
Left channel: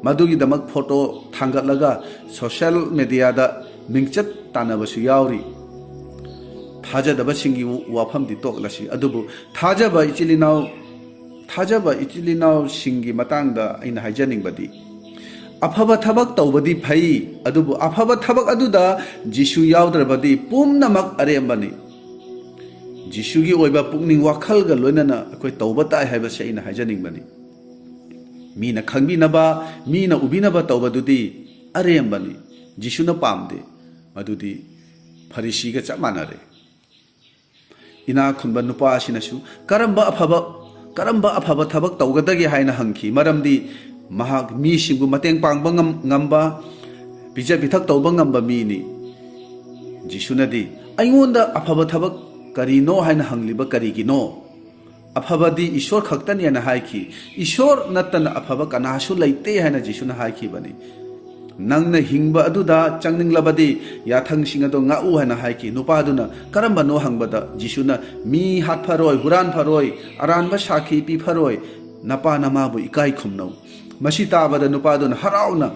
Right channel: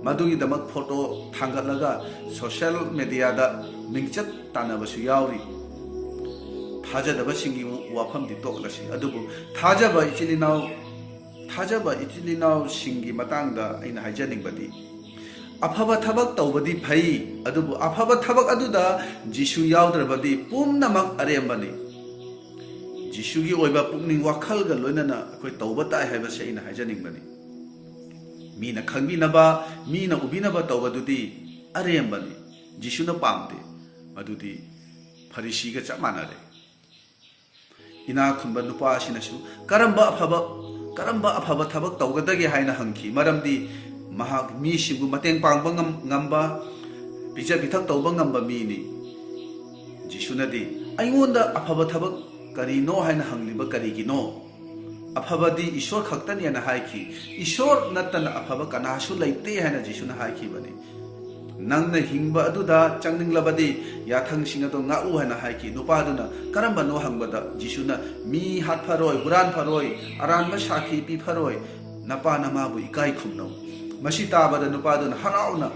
ꯃꯗꯨꯒꯤꯗꯃꯛ ꯐꯣꯇꯣ ꯊꯥꯡꯒꯠꯂꯒ ꯁꯣꯁꯤꯌꯦꯜ ꯃꯤꯗꯤꯌꯥꯗ ꯃꯤꯡꯆꯠ ꯇꯥꯟꯅꯕꯁꯨ ꯌꯥꯎꯔꯤ ꯊꯥꯖꯗꯕꯁꯤꯡꯒꯤ ꯋꯥꯐꯝꯗꯤ ꯇꯣꯛꯂꯁꯤ ꯑꯗꯨꯕꯨ ꯊꯥꯖꯕ ꯏꯆꯤꯜ ꯏꯅꯥꯎꯁꯤꯡꯒꯤ ꯃꯇꯥꯡꯗ ꯑꯩꯅ ꯍꯥꯏꯖꯅꯤꯡꯕꯗꯤ ꯑꯐꯕ ꯊꯕꯛ ꯇꯧꯕꯗꯤ ꯐꯩ ꯑꯗꯨꯕꯨ ꯑꯐꯕꯊꯕꯛ ꯑꯗꯨꯗ ꯖꯤꯁꯨ ꯌꯥꯎꯗ꯭ꯔꯕꯗꯤ ꯄꯨꯝꯅꯃꯛ ꯑꯔꯦꯝꯕꯅꯤ ꯖꯤꯁꯨꯒꯤ ꯑꯣꯏꯕ ꯄꯨꯛꯅꯤꯡ ꯋꯥꯈꯜꯒ ꯂꯣꯏꯅꯅ ꯑꯩꯈꯣꯏ ꯇꯧꯕ ꯇꯥꯏ ꯍꯥꯏꯕꯁꯦ ꯑꯩꯅ ꯍꯥꯏꯖꯅꯤꯡꯕꯅꯤ ꯃꯤꯅ ꯈꯪꯕꯤꯅꯕ ꯃꯤꯅ ꯎꯕꯤꯅꯕ ꯇꯧꯕꯗꯨꯗꯤ ꯑꯔꯦꯝꯕꯅꯤ ꯖꯤꯁꯨꯅ ꯄꯥꯝꯗꯦ ꯃꯗꯨꯗꯤ ꯐꯔꯤꯁꯤꯒ ꯆꯞ ꯃꯥꯟꯅꯔꯦ ꯏꯅꯥꯛ ꯈꯨꯟꯕ ꯅꯨꯄꯥ ꯑꯁꯤꯅꯁꯨ ꯀꯔꯝꯕ ꯑꯐꯕ ꯊꯕꯛ ꯇꯧꯒꯗꯒꯦ ꯍꯥꯏꯅ ꯍꯪꯈꯤ ꯃꯔꯝꯗꯤ ꯃꯍꯥꯛ ꯃꯤꯁꯤꯡꯕꯨ ꯃꯇꯦꯡ ꯄꯥꯡꯕ ꯉꯝꯕ ꯄꯤꯖ ꯄꯤꯊꯛ ꯇꯧꯕ ꯉꯝꯕ ꯃꯤꯅꯤ ꯖꯤꯁꯨꯅꯗꯤ ꯑꯩꯉꯣꯟꯗ ꯑꯐꯕ ꯊꯕꯛ ꯀꯔꯤꯅꯣ ꯍꯥꯏꯅ ꯍꯪꯂꯤꯕ ꯀꯔꯤꯒꯤꯅꯣ ꯑꯐꯕꯗꯤ ꯏꯁꯣꯔ ꯈꯛꯇꯅꯤ ꯍꯥꯏꯅ ꯍꯥꯏꯈꯤ ꯏꯁꯣꯔ ꯅꯠꯇꯅ ꯑꯐꯕ ꯀꯅꯥꯁꯨ ꯂꯩꯇꯦ ꯍꯥꯏꯅ ꯖꯤꯁꯨꯅ ꯍꯥꯏꯈꯤꯕꯅꯤ ꯅꯪꯅ ꯍꯤꯡꯕ ꯑꯗꯨꯗ ꯆꯪꯅꯤꯡꯂꯕꯗꯤ ꯌꯥꯊꯪꯁꯤꯡ ꯑꯗꯨ ꯉꯥꯛꯎ ꯍꯥꯏꯅ ꯍꯥꯏꯈꯤ ꯅꯨꯄꯥꯗꯨꯅ ꯀꯔꯝꯕꯅꯣ ꯍꯪꯕꯗ ꯖꯤꯁꯨꯅ ꯃꯤ ꯍꯥꯠꯐꯔꯣꯏ ꯍꯨꯔꯥꯟꯐꯔꯣꯏ ꯑꯔꯥꯟꯕ ꯁꯥꯈꯤ ꯄꯤꯐꯔꯣꯏ ꯅꯄꯥ ꯅꯃꯥꯕꯨ ꯏꯀꯥꯏ ꯈꯨꯝꯅꯧ ꯃꯁꯤ ꯇꯥꯕꯗ ꯅꯨꯄꯥꯗꯨꯅ ꯍꯔꯥꯎꯅ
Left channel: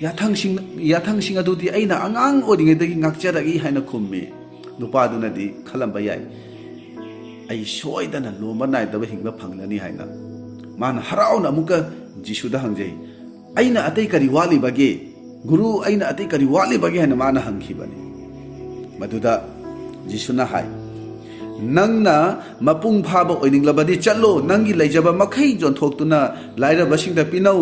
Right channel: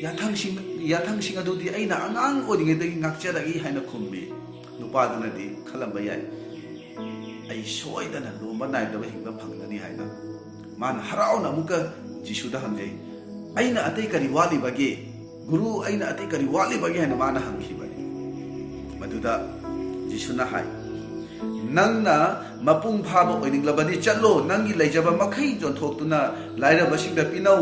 ꯌꯥꯊꯪꯁꯤꯡ ꯑꯗꯨꯗꯤ ꯑꯩꯅ ꯑꯉꯥꯡ ꯑꯣꯏꯔꯤꯉꯩꯗꯒꯤ ꯉꯥꯛꯆꯔꯛꯏ ꯍꯥꯏꯅ ꯈꯨꯝꯃꯤ ꯅꯨꯄꯥꯗꯨꯅꯗꯤ ꯈꯜꯂꯝꯕ ꯌꯥꯏ ꯑꯩ ꯁꯣꯏꯗꯅ ꯂꯣꯝꯕ ꯅꯥꯏꯗꯕ ꯍꯤꯡꯕ ꯐꯪꯂꯅꯤ ꯍꯥꯏꯅ मान हराउना अमुका जिशुदा हंगजै अइना अतै करी वाली बगे गुरु अइना अतै करी वाली बगे हन मान हंगखिबनी मदुदा जिशुना हाय नंगना मपुंग फाबा ओइनिंगलबदि चलो नंगी लैजबा मखै जोंथोक्तुना लाइरबसिंगदा पिनौ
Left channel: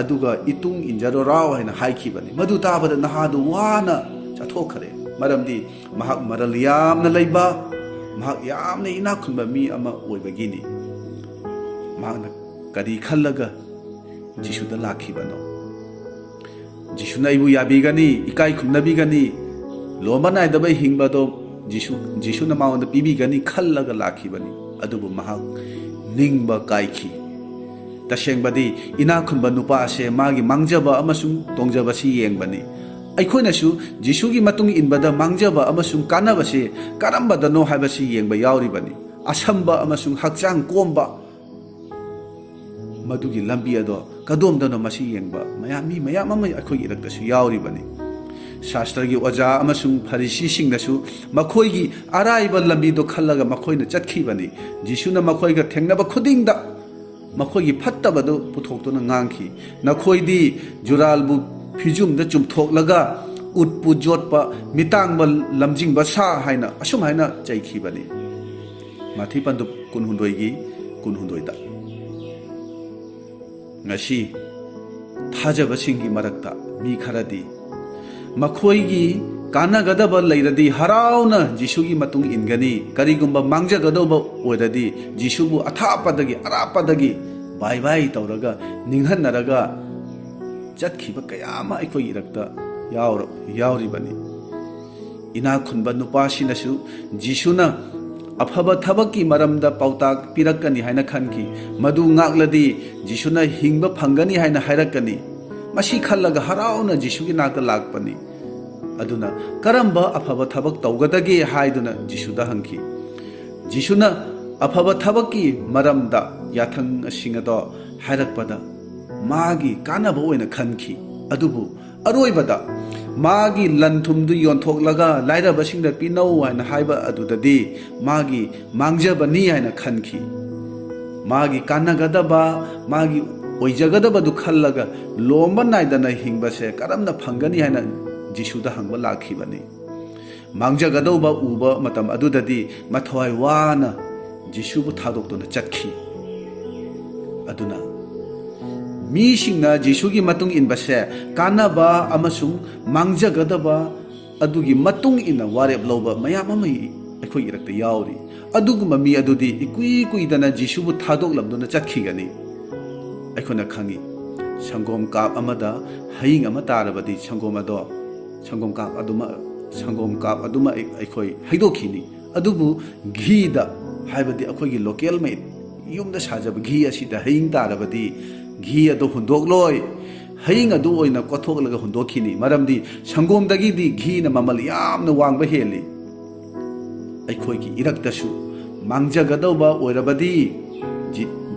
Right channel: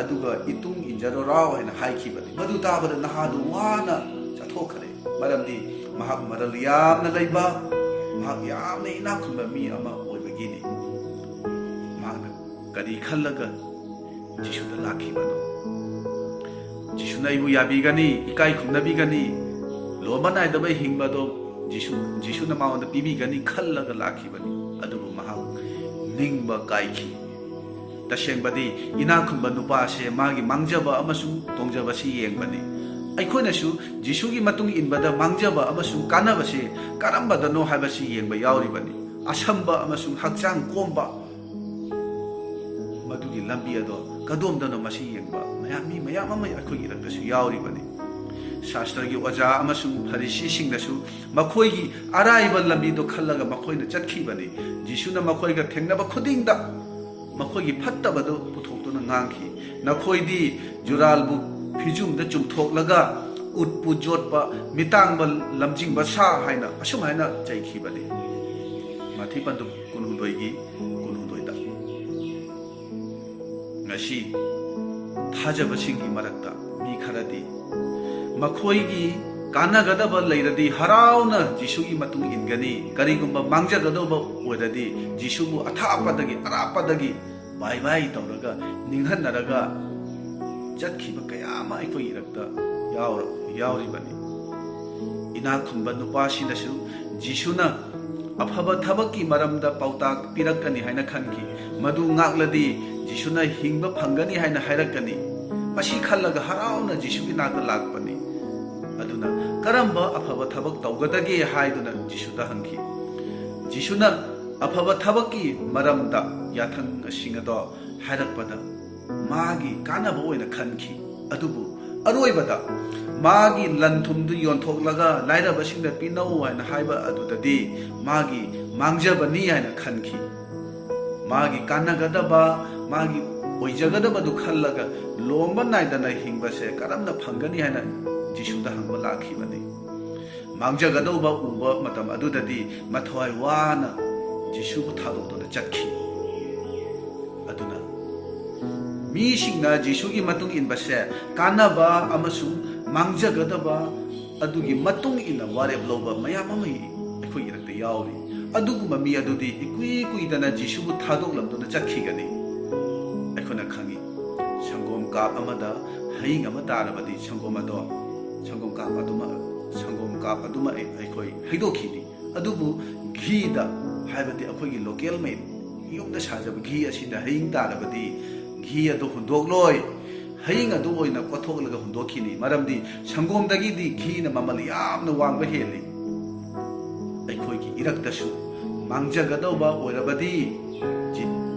अदुगा इतुंग इंजरो राव हैना हाइखिबनी मदु ताबदा नहादु वाना चथोखरे मरमदि महक मरल यामना लैबा महक यामना इना खुंबा मी अमा ओइबगिनी महकना करी खल्लगा जिशुदा लाखिबनो जिशुना इबु याबिगनी इकाई खुंनबिगनी लोमा नाइदबा हिंगबदो जिशुना माउंदा पीबीगनी खल्लगा लाखिबनी अदुबु महक निंगबा काइखि तसेंगबदी इना खुंबा नुपा से मागी मांगजबा अमसुंग तोंगजबसी येंगबनी अखोइनसु जिशुगी मतुंग इनबदा मांगजबा अमसुंग कानबसे करम्बदनो हाइबसी येंगबा यावरिबनी असंबा अमसुंग हक्चांग कोंबा मदुगी लंबी अदो कदोमदनो मसी येंगबा मयामी मयाम अम अखोइगी इरक्तसु यावरिबनी शास्त्रगी ओजा अमसुंग फरिसी सिंगदसु मखोइगी अराइबा लंबीदो खल्लगा मखोइना चटखिबनी जिशुना मखोइगा थेंगनबा खुदिंगदा मखोइगी फत्तबदो पुथोक्तुना ngangi नखोइदी जुरालबु फिजुमदा चुमथोकलगा उत्पु जोटपा मितांगबा लमजिंगबा सा हाइना असुम हाइना चैखिबनी माथि पंदु कुनहुंदोइगी कुनहुंदोइदा ngasi थाजबसिंगी मरक्ता मी खरदी मखोइगी कानागदबा लैरदी हराउना जिशुगी मतुंग इनगनी करिगुंबा मांगजगदबा ओइरदी जिशुबु अथापदगी अरापदगी बाय बाय तौरगा निंगहनरगा चटखिबा कयामा अखोइ इरक्ता यावरिबनी इना खुनबा नुपासिनसु जिशुना अफबा थबकी मरमदा पौताक पिरक्कनी हाइना खनकी मदु ngakलदी जिशुना हिंगबा फंगनी हाइना हाइरक्कनी मसी खल्लगा हराउना जिशुगी नाकता लाकपनी अदुना करम्बा अफबा थबक तौगदगे हाइदुना जिशुदा हंकी जिशुना अफबा थबकी मरमदा याथंग सिंगदो हाइरक्पदा मागी कानबा ओइना खनकी अदुबु अरोइबदा मागी लंथुमदु योंथोकलगा लाइरबसिंगदा पिनौ हाइना हाइबा अदुददी मागी मांगजबनी हाइना खनकी मागी कानगदबा मागी ओइजगदबदु खल्लगा लोम्बा नाइदना हिंगबसे करमना फंगनी हाइना जिशुदा हंगबा लाखिबनी मांगजगदौबा उबा मतम अदुददी मथवाय वाना जिशुबु थादोक्तुना चटखि अदुना मीसिंगना जिशुगी मतुंग इनबसे कानाबा अमसुंग मांगजगदबा अदुगी मतुंग इना वारेब लौबा मयाम अमई अखोइ इरक्ता यावरी अदुगुमा मी अदुदी इकुई कुइदना जिशुबु थादोक्लमदुना चटखिगनी अखोना खंगी संगोम काप अमदा हयिंग अमा तारबदी संगोम अदो संगोम काप अदुमा अखोइ हैदोखिनी अदुबु घीदा हाइबदी अखोइगी लोकल मेड युमदा साजब घी असिदा हयिंग तारबदी घी अदो हुंदोकलोय हयिंग अदु ओइना कोथोकलगा हुंदोखिनी मरमदी संगोमदगिदी घी न ममल यामना वांगबा हेली अखोइगी इरक्तसु मांगजगदौबा ओइरबदी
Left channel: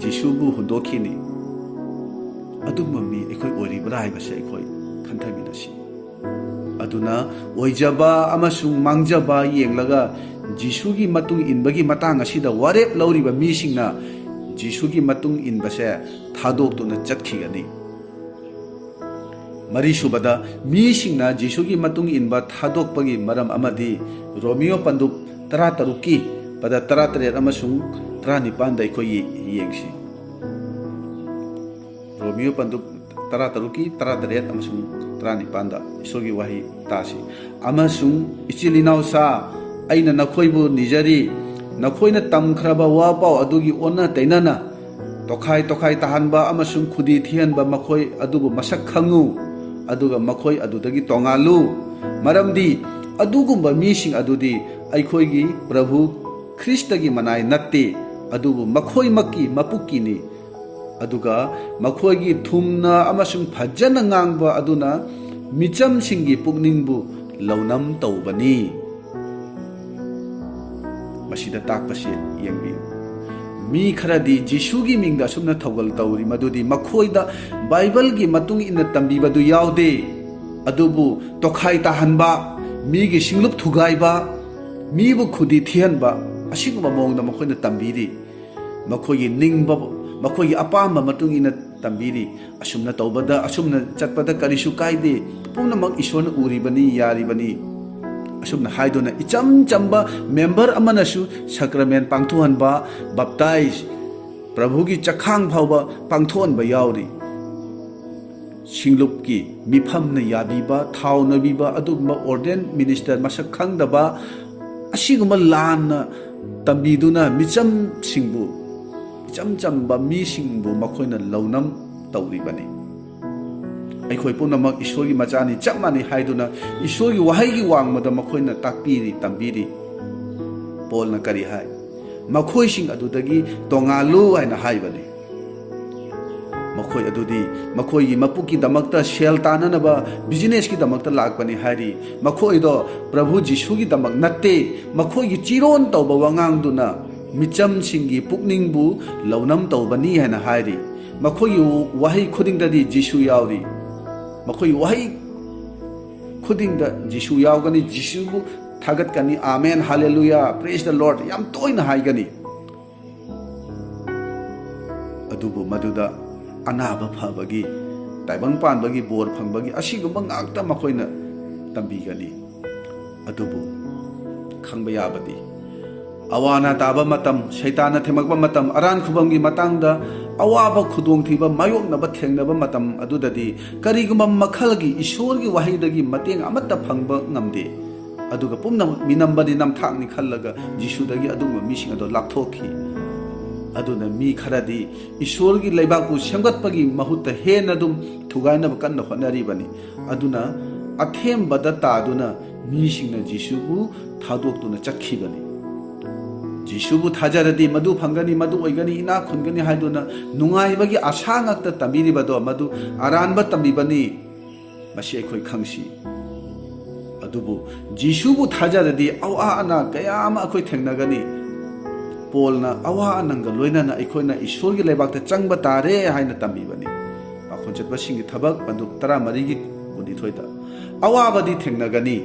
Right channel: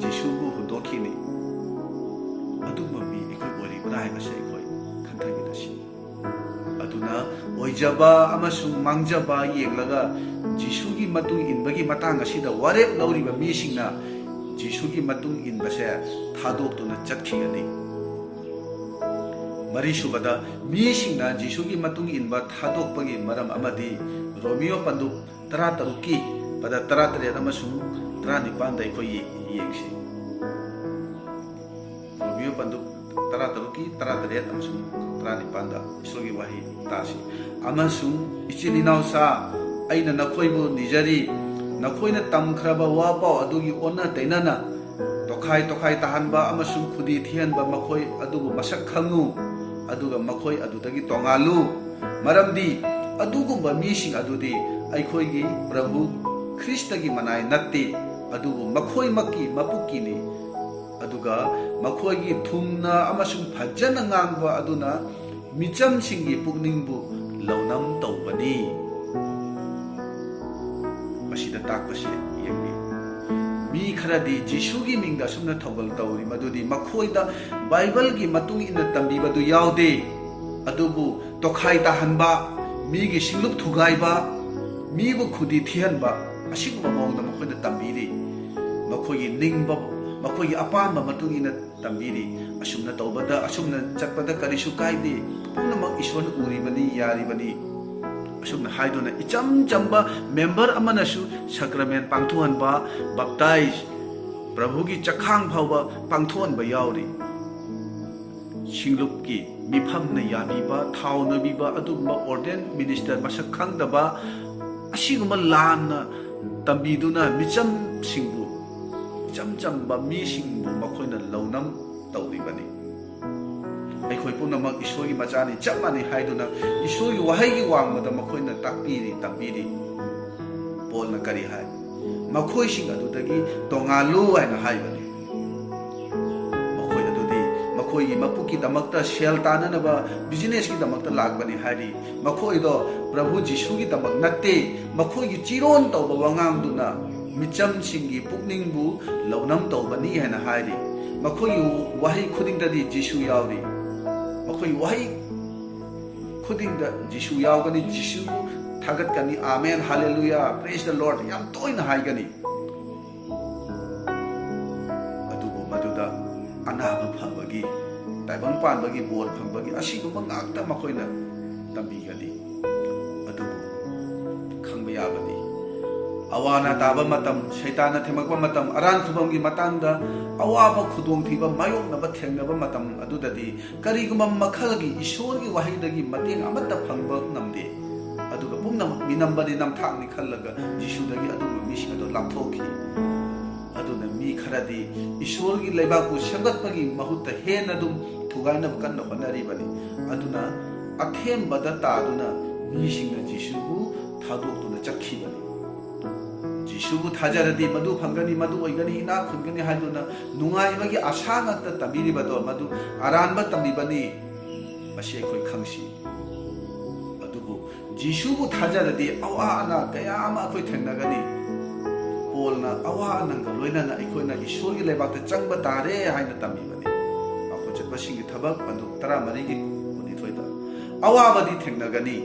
जिशुबु हुंदोखिनी अदुमा मी अखोइ ओइरिबरा हाइबसे अखोइ खंथमिनसी अदुना ओइजबा अमसुंग मांगजबा येंगलगा जिशुगी मतुंग इनबगी मतांग असिदा वारेप लौरिबा मीसिंगना जिशुगी मतुंग इनबसे थादोक्तुना चटखिगनी मरीसुबदा मीसिंगना जिशुगी मतुंग इनबा थादोक्पगी मरम अमदी रोमियो पंदुप 13 की पदा 13 अमसुंग 19 दा अखोइ येंगसी रोमियो पंदुप 13 की 13 अमसुंग 19 दा इसोगी वाही तासी अमसुंग इचिलिनाउसा अइना नखोइबु निजरी नखोइना तमख्रबा वापाव अदुगी ओना तैनाना तोखाई तोखाई ताहनबा अमसुंग खुदी थियनबा मखोइ अदुबु मसक खंगु अदुगा मखोइ अदुदगी तोंगालु मरमदी अदुगुंबा मीसिंग अदुदी अइखोइगी प्रभु ख्रिस्टगी मनाय नत्ते अदुबु मखोइ मक्की मपुक्कीनी अदुगा मखोइगी थुमना अमसुंग फजना ngangbा अदुना मिचमसिंगी पुकनिंगबु लौनम तौबनी मसीदा ताकपसे येंगबी मी खरदी जिशुगी मिंगदा सुमना थौगल तौरी मदुदी मखोइदा बाइबलगी मतुंग इन तंबीबदु यावदे अदुबु तोखाई ताहनबा मीगी सिंगलुप थुगाइबा मीबु खुदी थियनबा असिगुबा मोंगदा मखोइना तंबीरी मखोइगी निंगबा ꯃꯈꯣꯏꯒꯤ ꯑꯄꯥꯝꯕ ꯃꯇꯨꯡ ꯏꯟꯅ ꯇꯝꯕꯤꯔꯤ ꯑꯁꯨꯝꯅ ꯇꯧꯕꯗ ꯑꯁꯨꯝꯅ ꯆꯠꯄꯗ ꯀꯔꯤꯁꯨ ꯀꯥꯏꯗꯦ ꯄꯨꯝꯅꯃꯛ ꯏꯁꯣꯔꯅ ꯎꯔꯤꯕꯅꯤ ꯌꯥꯔꯤꯕꯅꯤ ꯑꯁꯨꯝꯅ ꯍꯥꯏꯗꯨꯅ ꯏꯆꯝ ꯆꯝꯕ ꯃꯦꯝꯕꯔ ꯑꯃꯅꯁꯨ ꯁꯥꯀ꯭ꯔꯥꯃꯦꯟ ꯄꯥꯡꯊꯣꯛꯍꯟꯕ ꯕꯞꯇꯥꯏꯖ ꯄ꯭ꯔꯚꯨꯒꯤ ꯆꯈꯥꯡ ꯐꯥꯎꯕ ꯄꯥꯡꯊꯣꯛꯍꯟꯕ ꯌꯥꯎꯔꯤ ꯁꯤꯡꯂꯨꯞꯀꯤ ꯃꯤꯐꯝꯅ ꯌꯥꯕꯤꯕ ꯊꯥꯎ ꯅꯣꯏꯕꯤꯕ ꯑꯗꯨꯒꯨꯝꯕ ꯑꯣꯔꯗꯦꯟ ꯃꯤꯅꯤꯁꯇꯔ ꯃꯁꯛ ꯈꯪꯗꯕ ꯑꯁꯤꯒꯨꯝꯕ ꯂꯥꯟꯅ ꯇꯝꯕꯤꯗꯨꯅ ꯃꯤꯆꯝꯁꯤꯡꯕꯨ ꯏꯆꯝ ꯆꯝꯕ ꯃꯤꯁꯤꯡꯕꯨ ꯃꯈꯣꯏꯅ ꯂꯧꯅꯝ ꯇꯧꯔꯤꯕꯅꯤ ꯑꯩꯈꯣꯏ ꯄꯨꯝꯅꯃꯛ ꯏꯁꯣꯔꯒꯤ ꯃꯆꯥꯅꯤ ꯆꯞ ꯃꯥꯟꯅꯩ ꯍꯥꯏꯗꯨꯅ ꯏꯁꯣꯔꯒꯤ ꯋꯥꯍꯩꯒꯤ ꯋꯥꯡꯃꯗ ꯃꯈꯣꯏꯅ ꯇꯥꯛꯄꯤꯔꯤ ꯇꯝꯕꯤꯔꯤ ꯄꯣꯜꯅ ꯀꯔꯤ ꯍꯥꯏ ꯃꯈꯣꯏꯁꯤꯡ ꯑꯗꯨꯗꯒꯤ ꯇꯣꯉꯥꯜꯂꯨ ꯍꯥꯏꯅ ꯍꯥꯏꯕꯅꯤ ꯃꯈꯣꯏ ꯑꯗꯨꯗꯤ ꯃꯈꯣꯏꯒꯤ ꯃꯄꯨꯛꯀꯤꯗꯃꯛꯇ ꯁꯦꯜ ꯇꯥꯟꯅꯅꯕ ꯕꯤꯖꯤꯅꯦꯁꯀꯤꯗꯃꯛꯇ ꯂꯥꯛꯄꯅꯤ ꯍꯥꯏꯔꯤ ꯃꯈꯣꯏꯗꯣ ꯄ꯭ꯔꯚꯨ ꯖꯤꯁꯨꯒꯤꯗꯃꯛ ꯅꯠꯇꯦ ꯃꯈꯣꯏꯒꯤ ꯆꯤꯔꯣꯟ ꯇꯧꯕ ꯋꯥꯉꯥꯡꯗꯨꯅ ꯃꯤꯆꯝꯁꯤꯡꯒꯤ ꯄꯨꯛꯅꯤꯡꯕꯨ ꯂꯧꯅꯝ ꯇꯧꯕꯅꯤ ꯍꯥꯏꯅ ꯍꯥꯏꯔꯤ ꯃꯈꯣꯏꯒꯤ ꯋꯥꯍꯩ ꯈꯨꯗꯤꯡꯗꯗꯤ ꯖꯤꯁꯨ ꯌꯥꯎꯔꯤ ꯃꯈꯣꯏꯒꯤ ꯋꯥꯍꯩ ꯈꯨꯗꯤꯡꯗ ꯖꯤꯁꯨ ꯌꯥꯎꯒꯅꯤ ꯖꯤꯁꯨꯕꯨ ꯊꯥꯒꯠꯀꯅꯤ ꯑꯥꯃꯦꯟ ꯍꯥꯂꯦꯂꯨꯌꯥ ꯄ꯭ꯔꯦꯖ ꯗ ꯂꯣꯔꯗ ꯌꯥꯝ ꯇꯣꯏꯅ ꯍꯥꯏꯒꯅꯤ ꯑꯗꯨꯕꯨ ꯃꯗꯨꯗ ꯑꯅꯥꯕ ꯐꯕꯒꯤ ꯇꯥꯏꯕꯪ ꯄꯥꯟꯕꯒꯤ ꯕꯣꯔ ꯐꯪꯕꯒꯤ ꯑꯁꯤꯒꯨꯝꯕ ꯉꯥꯛꯇ ꯃꯈꯣꯏꯅ ꯇꯝꯕꯤꯒꯅꯤ ꯑꯗꯨꯕు ꯈꯪꯕ ꯌꯥꯕꯗꯤ ꯑꯋꯥ ꯑꯅꯥ ꯇꯥꯕ ꯃꯇꯝ ꯁꯩꯇꯥꯟꯅ ꯊꯦꯝꯃꯛꯄ ꯃꯇꯝ ꯑꯔꯥꯟ ꯈꯨꯕꯝꯒꯤ ꯃꯇꯥꯡꯗ ꯑꯋꯥꯕ ꯈꯨꯗꯣꯡꯊꯤꯕ ꯃꯥꯌꯣꯛꯅꯕ ꯊꯦꯡꯅꯕ ꯃꯇꯝ ꯑꯗꯨꯗꯗꯤ ꯀꯔꯤꯒꯨꯝꯕ ꯃꯈꯜꯒꯤ ꯏꯁꯣꯔꯒꯤ ꯋꯥꯍꯩꯗꯒꯤ ꯃꯇꯦꯡ ꯑꯃꯠꯇ ꯐꯪꯕ ꯉꯝꯗꯦ ꯑꯗꯨꯒ ꯄꯨꯝꯅꯃꯛ ꯃꯤꯅꯝꯕꯗꯤ ꯅꯝꯊꯥꯛꯅꯤ ꯈꯜꯂꯒ ꯖꯤꯁꯨꯗꯒꯤ ꯑꯗꯨꯒꯨꯝꯕ ꯃꯤꯁꯤꯡ ꯑꯗꯨ ꯂꯥꯞꯊꯣꯛꯈꯤ ꯑꯗꯨꯅ ꯃꯤ ꯈꯔꯗꯤ ꯏꯁꯣꯔꯒꯤ ꯂꯩꯕꯥꯛꯄꯨ ꯁꯦꯝꯒꯠꯄꯒꯤ ꯃꯍꯨꯠꯇ ꯍꯦꯟꯅ ꯑꯗꯨꯝ ꯊꯨꯒꯥꯏꯅꯕ ꯀꯟꯅ ꯍꯣꯠꯅꯔꯤꯕꯅꯤ ꯑꯗꯨꯅ ꯑꯊꯦꯝꯕꯗ ꯇꯥꯗꯨꯅ ꯃꯤꯁꯤꯡꯅ ꯖꯤꯁꯨꯕꯨ ꯊꯥꯗꯣꯛꯇꯨꯅ ꯆꯠꯈꯤꯕꯅꯤ ꯖꯤꯁꯨꯕꯨ ꯊꯥꯖꯔꯗꯤ ꯃꯗꯨ ꯐꯪꯒꯅꯤ ꯃꯗꯨ ꯑꯣꯏꯒꯅꯤ ꯏꯅꯥꯛ ꯈꯨꯟꯒꯅꯤ ꯍꯥꯏꯗꯨꯅ ꯅꯨꯡꯉꯥꯏꯕꯒꯤ ꯑꯁꯥ ꯉꯥꯛꯇ ꯇꯝꯕꯤꯔꯤꯕꯗꯣ ꯃꯗꯨ ꯑꯔꯥꯟꯕ ꯇꯝꯕꯤꯕꯅꯤ ꯃꯁꯤ ꯑꯩꯈꯣꯏ ꯈꯪꯁꯤ ꯑꯗꯨꯕꯨ ꯖꯤꯁꯨꯕꯨ ꯊꯥꯖꯔꯗꯤ ꯑꯋꯥ ꯑꯅꯥ ꯀꯌꯥ ꯑꯃ ꯑꯩꯈꯣꯏ ꯊꯦꯡꯅꯒꯅꯤ ꯄꯣꯜꯅ ꯑꯋꯥ ꯑꯅꯥꯒ ꯂꯣꯏꯅꯅ ꯑꯩꯈꯣꯏꯅ ꯏꯁꯣꯔꯒꯤ ꯂꯩꯕꯥꯛꯇ ꯆꯪꯕ ꯇꯥꯔꯦ ꯍꯥꯏꯅ ꯇꯝꯕꯤꯕꯅꯤ ꯄꯥꯈꯣꯟ ꯆꯠꯄꯁꯤꯡꯒꯤ ꯊꯕꯛ ꯄꯟꯗꯨꯞ 14:12 ꯑꯋꯥꯕꯗꯤ ꯊꯦꯡꯅꯒꯅꯤ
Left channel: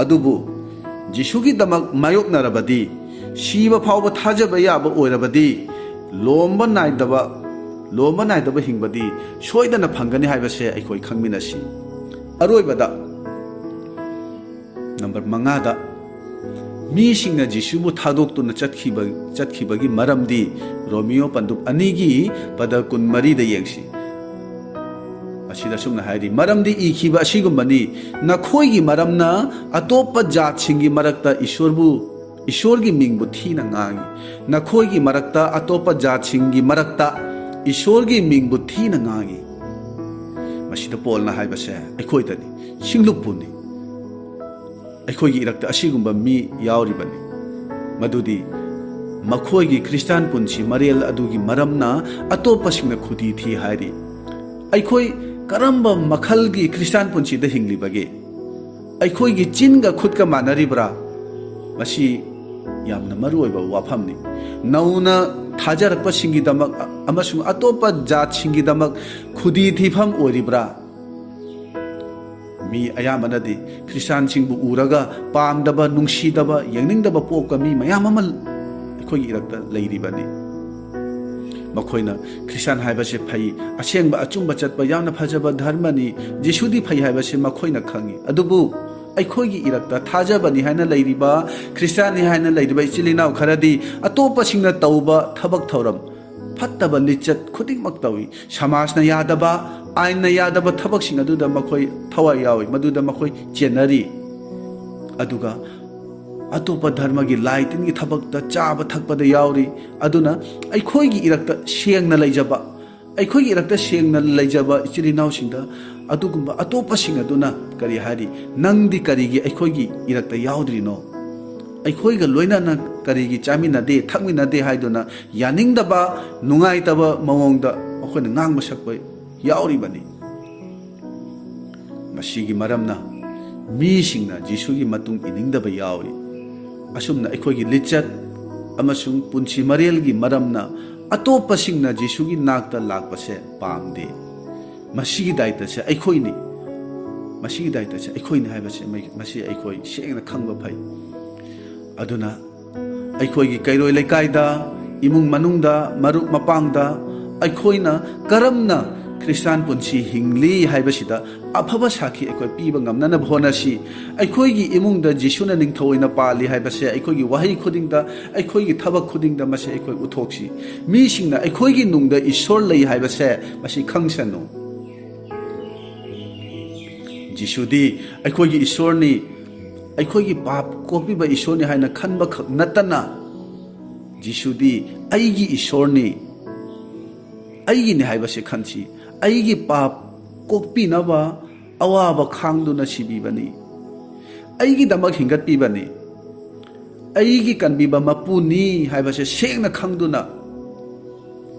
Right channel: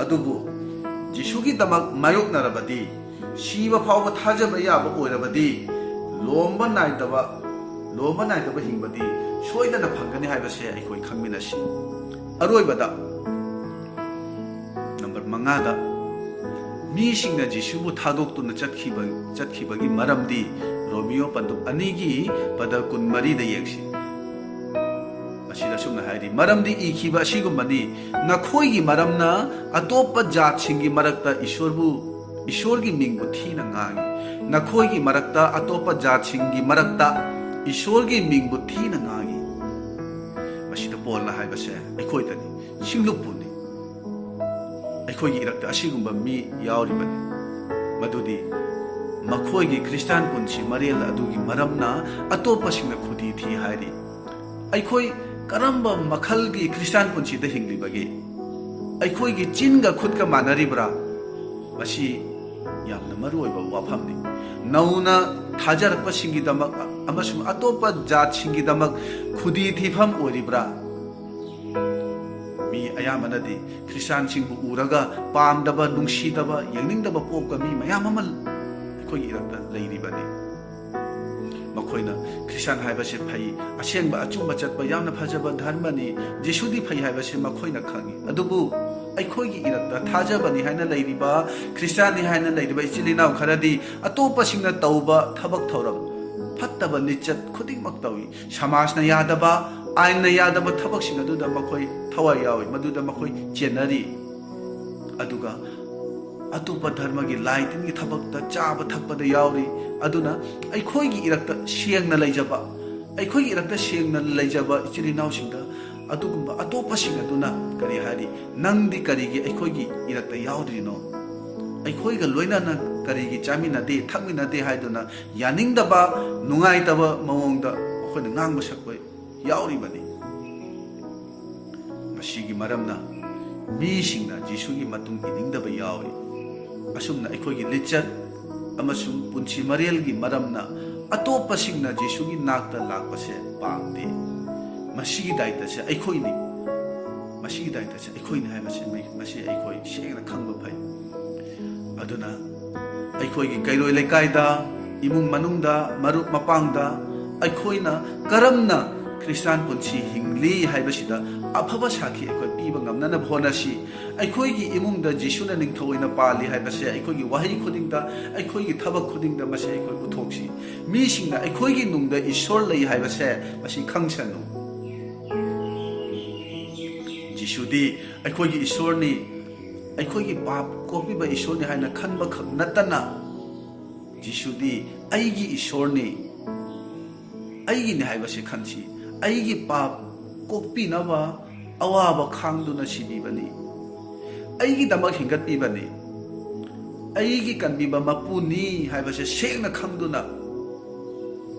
ꯑꯗꯨꯕꯨ ꯖꯤꯁꯨꯒꯤꯗꯃꯛ ꯃꯥꯌꯣꯛꯅꯔꯕꯗꯤ ꯁꯤꯕ ꯐꯥꯎꯕ ꯊꯥꯖꯕ ꯌꯥꯕ ꯑꯣꯏꯔꯕꯗꯤ ꯂꯣꯝꯕ ꯅꯥꯏꯗꯕ ꯍꯤꯡꯕꯗꯤ ꯁꯣꯏꯗꯅ ꯐꯪꯒꯅꯤ ꯍꯥꯏꯕꯁꯦ ꯑꯩꯈꯣই ꯈꯪꯃꯤꯟꯅꯁꯤ ꯑꯔꯣꯏꯕꯗ ꯅꯝꯕꯔ 5ꯗ ꯃꯤꯁꯤꯡꯅ ꯖꯤꯁꯨꯕꯨ ꯊꯥꯗꯣꯛꯇꯨꯅ ꯆꯠꯈꯤꯕꯒꯤ ꯃꯔꯝꯗꯤ ꯔꯣꯃꯤꯌꯣ ꯄꯟꯗꯨꯞ 2ꯒꯤ ꯄꯗ 24ꯗ ꯌꯦꯡꯁꯤ ꯑꯁꯤꯗ ꯁꯨꯝꯅ ꯍꯥꯏꯔꯤ ꯃꯔꯝꯗꯤ ꯏꯈꯤꯕ ꯑꯁꯤꯒꯨꯝꯕꯅꯤ ꯅꯈꯣꯏꯒꯤ ꯃꯔꯝꯅ ꯑꯇꯣꯞꯄ ꯖꯥꯠꯁꯤꯡꯒꯤ ꯃꯔꯛꯇ ꯏꯁꯣꯔꯒꯤ ꯃꯤꯡꯕꯨ ꯊꯤꯅ ꯉꯥꯡꯏ ꯅꯈꯣꯏꯒꯤ ꯃꯔꯛꯇ ꯑꯇꯣꯞꯄ ꯖꯥꯠꯁꯤꯡꯒꯤ ꯃꯔꯛꯇ ꯏꯁꯣꯔꯒꯤ ꯃꯤꯡꯕꯨ ꯊꯤꯅ ꯉꯥꯡꯏ ꯃꯁꯤꯗ ꯄꯣꯜꯅ ꯍꯥꯏꯕꯁꯦ ꯑꯩꯈꯣꯏꯗꯅꯤ ꯁꯤꯡꯂꯨꯞꯄꯨꯅꯤ ꯑꯩꯈꯣꯏꯒꯤ ꯏꯔꯛꯇ ꯑꯁꯤꯒꯨꯝꯕ ꯃꯤ ꯌꯥꯎꯔꯤꯕꯅꯤ ꯃꯗꯨꯗꯤ ꯃꯈꯣꯏꯒꯤ ꯈ꯭ꯔꯤꯁꯇꯥꯟ ꯄꯨꯟꯁꯤ ꯃꯔꯦꯜ ꯑꯗꯨꯒꯤ ꯃꯔꯝꯅ ꯑꯇꯣꯞꯄꯁꯤꯡꯅ ꯈꯨꯗꯤ ꯊꯤ ꯍꯥꯏꯔꯤ ꯑꯩꯈꯣꯏ ꯀꯔꯝꯕ ꯃꯈꯜꯒꯤ ꯈ꯭ꯔꯤꯁꯇꯥꯟ ꯄꯨꯟꯁꯤꯗ ꯍꯤꯡꯂꯤꯕꯒꯦ ꯑꯩꯈꯣꯏꯒꯤ ꯆꯤꯟꯒ ꯈꯨꯠꯀ ꯃꯥꯟꯅꯔꯤꯕ꯭ꯔꯥ ꯃꯁꯤ ꯌꯥꯝꯅ ꯃꯔꯨꯑꯣꯏꯕ ꯋꯥꯐꯝꯅꯤ ꯅꯧꯅ ꯊꯥꯖꯔꯛꯄꯁꯤꯡꯒꯤꯗꯃꯛ ꯑꯃꯁꯨꯡ ꯑꯇꯣꯞꯄ ꯖꯥꯠꯁꯤꯡꯒꯤꯗꯃꯛ ꯈꯨꯗꯤ ꯊꯤꯐꯝ ꯑꯣꯏꯔꯤꯕ꯭ꯔꯥ ꯃꯤ ꯑꯌꯥꯝꯕꯅꯗꯤ ꯈ꯭ꯔꯤꯁꯇꯥꯟꯁꯤꯡꯕꯨ ꯎꯔꯒ ꯄꯥꯝꯗꯕ ꯅꯨꯡꯁꯤꯗꯕ ꯌꯦꯡꯅꯤꯡꯗꯕ ꯄꯣꯛꯄ ꯃꯤ ꯃꯌꯥꯝ ꯑꯃ ꯑꯩꯈꯣꯏꯒꯤ ꯏꯔꯛꯇ ꯂꯩꯔꯤꯕꯅꯤ ꯃꯈꯣꯏꯅ ꯈ꯭ꯔꯤꯁꯇꯥꯟ ꯍꯥꯏꯕꯁꯦ ꯐꯩ ꯑꯁꯦꯡꯕ ꯑꯆꯨꯝꯕ ꯆꯠꯄ ꯌꯥꯝꯅ ꯐꯖꯕ ꯙꯔꯃꯅꯤ ꯖꯤꯁꯨꯗꯤ ꯐꯩ ꯍꯥꯏꯕꯁꯦ ꯃꯈꯣꯏꯅ ꯈꯪꯏ ꯑꯗꯨꯕꯨ ꯑꯩꯈꯣꯏꯒꯤ ꯏꯔꯛꯇ ꯊꯥꯖꯕꯅꯤ ꯍꯥꯏꯅ ꯂꯩꯔꯤꯕ ꯈ꯭ꯔꯤꯁꯇꯥꯟꯅꯤ ꯍꯥꯏꯅ ꯂꯩꯔꯤꯕ ꯏꯆꯤꯜ ꯏꯅꯥꯎ ꯈꯔꯗꯤ ꯑꯇꯣꯞꯄꯁꯤꯡꯅ ꯇꯧꯕ ꯊꯕꯛ ꯊꯧꯔꯝ ꯐꯠꯇꯕ ꯂꯤꯆꯠ ꯈꯨꯗꯤꯡꯃꯛ ꯇꯧꯏ ꯁꯃꯥꯖꯅ ꯌꯥꯗꯕ ꯑꯥꯏꯟꯅ ꯌꯥꯗꯕ ꯊꯕꯛꯁꯤꯡ ꯑꯗꯨꯗ ꯃꯈꯣꯏ ꯊꯋꯥꯏ ꯌꯥꯎꯏ ꯃꯗꯨꯗ ꯃꯈꯣꯏ ꯆꯦꯟꯅꯔꯤ ꯑꯗꯨꯒ ꯑꯇꯣꯞꯄ ꯙꯔꯃꯒꯤ ꯂꯥꯏ ꯇꯤꯟꯒꯤ ꯊꯕꯛꯇ ꯆꯥꯕ ꯊꯛꯄꯗ ꯌꯥꯎꯔꯤ ꯑꯗꯨꯅ ꯑꯩꯈꯣꯏꯒꯤ ꯏꯔꯛꯇ ꯁꯦꯡꯅ ꯂꯩꯖꯕ ꯏꯆꯤꯜ ꯏꯅꯥꯎꯁꯤꯡꯗ ꯑꯗꯨꯒꯨꯝꯕ ꯑꯇꯣꯞꯄꯁꯤꯡ ꯑꯗꯨꯅ ꯀꯔꯤ ꯍꯥꯏꯔꯤ ꯅꯪꯗꯤ ꯀꯔꯤꯒꯤ ꯑꯩꯈꯣꯏꯒꯤ ꯏꯔꯛꯇ ꯌꯥꯎꯗ꯭ꯔꯤꯅꯣ ꯑꯩꯈꯣꯏꯒ ꯂꯣꯏꯅꯅ ꯀꯔꯤꯒꯤ ꯆꯥꯃꯤꯟꯅꯗꯦ ꯊꯛꯃꯤꯟꯅꯗꯦ ꯍꯥꯏꯗꯨꯅ ꯌꯥꯅꯤꯡꯗꯕ ꯅꯨꯡꯉꯥꯏꯇꯕ ꯃꯑꯣꯡꯗ ꯃꯈꯣꯏꯅ ꯉꯥꯡꯕ ꯁꯛꯄ ꯌꯥꯎꯔꯤꯕꯅꯤ ꯃꯁꯤꯒꯤ ꯃꯔꯝꯅ ꯃꯤꯁꯤꯡꯅ ꯖꯤꯁꯨꯒꯤ ꯃꯇꯨꯡ ꯏꯅꯤꯡꯗꯕ ꯌꯥꯎꯏ ꯑꯁꯨꯝꯅ ꯑꯩꯈꯣꯏꯒꯤ ꯂꯤꯆꯠ ꯑꯃꯁꯨꯡ ꯄꯨꯟꯁꯤ ꯃꯔꯦꯜꯒꯤ ꯃꯔꯝꯅ ꯑꯇꯣꯞꯄꯁꯤꯡꯅ ꯖꯤꯁꯨꯒꯤ ꯅꯥꯛꯇ ꯂꯥꯛꯄꯁꯦ ꯄꯥꯝꯗꯦ ꯃꯁꯤꯒꯤ ꯗꯥꯏꯇꯁꯦ ꯑꯩꯈꯣꯏꯅꯤ ꯍꯥꯏꯕꯁꯦ ꯃꯁꯤ ꯑꯩꯈꯣꯏ ꯁꯦꯡꯅ ꯈꯪꯕ ꯐꯩ ꯑꯗꯨꯅ ꯑꯩꯈꯣꯏꯒꯤ ꯀꯩꯔꯣꯏ ꯂꯩꯀꯥꯏꯗ imung manungda marup mapangda aikhoina karamna Christian punsi hingli haibasida afaba sakhi aikoi piba ngamnana bhonasi aikhoigi imungda jisuna ningthoina pali haibase aikhoigi wahi khudingda aikhoigi thabak khudingda mase aikoi uthoksi mi singna aikhoigi nungda ishor lei haibase masi khangsanu jisudi aikhoigi ishorni aikhoigi pap kopiba ishorni haina khanba khak natana jisudi aigi ishorni aigi ni haibase khanchi aigi pap kokpi naba awaba khangduna sibibani aigi damak hingat pibani aigi kanbiba mapuni haibase sengna khangduna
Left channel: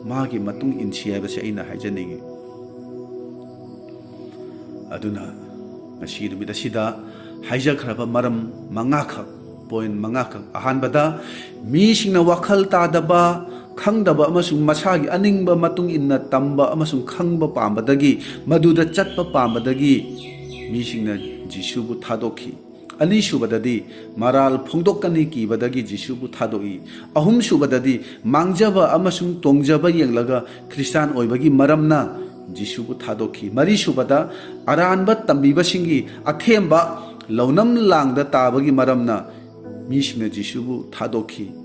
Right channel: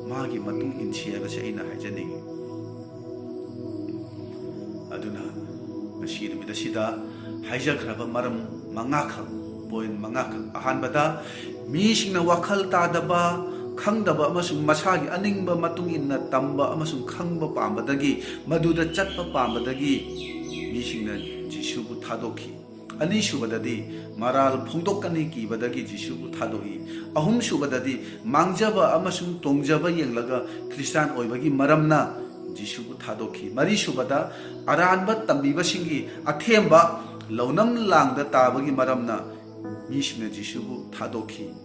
magi matung insi haibase aina haijani aduna ngasi numida sida haijakraba maram mangakha point mangakha ahanbada mi singna wakhal tadaba khangdaba amasung masagi aningba matung inna tamba amasung khangba pambadagi maduda chatpa pambadagi misingna jisubu thadokhi ani subadadi maral phongdokkani kibadagi jisubu thadogi ahum subadadi mangjaba amasung tongjaba yenglaga Christian oibagi maramna jisubu thadokhi mari subada aranba tambiba singi athemba launam langda tabagi maramna misingna jisubu thadokhi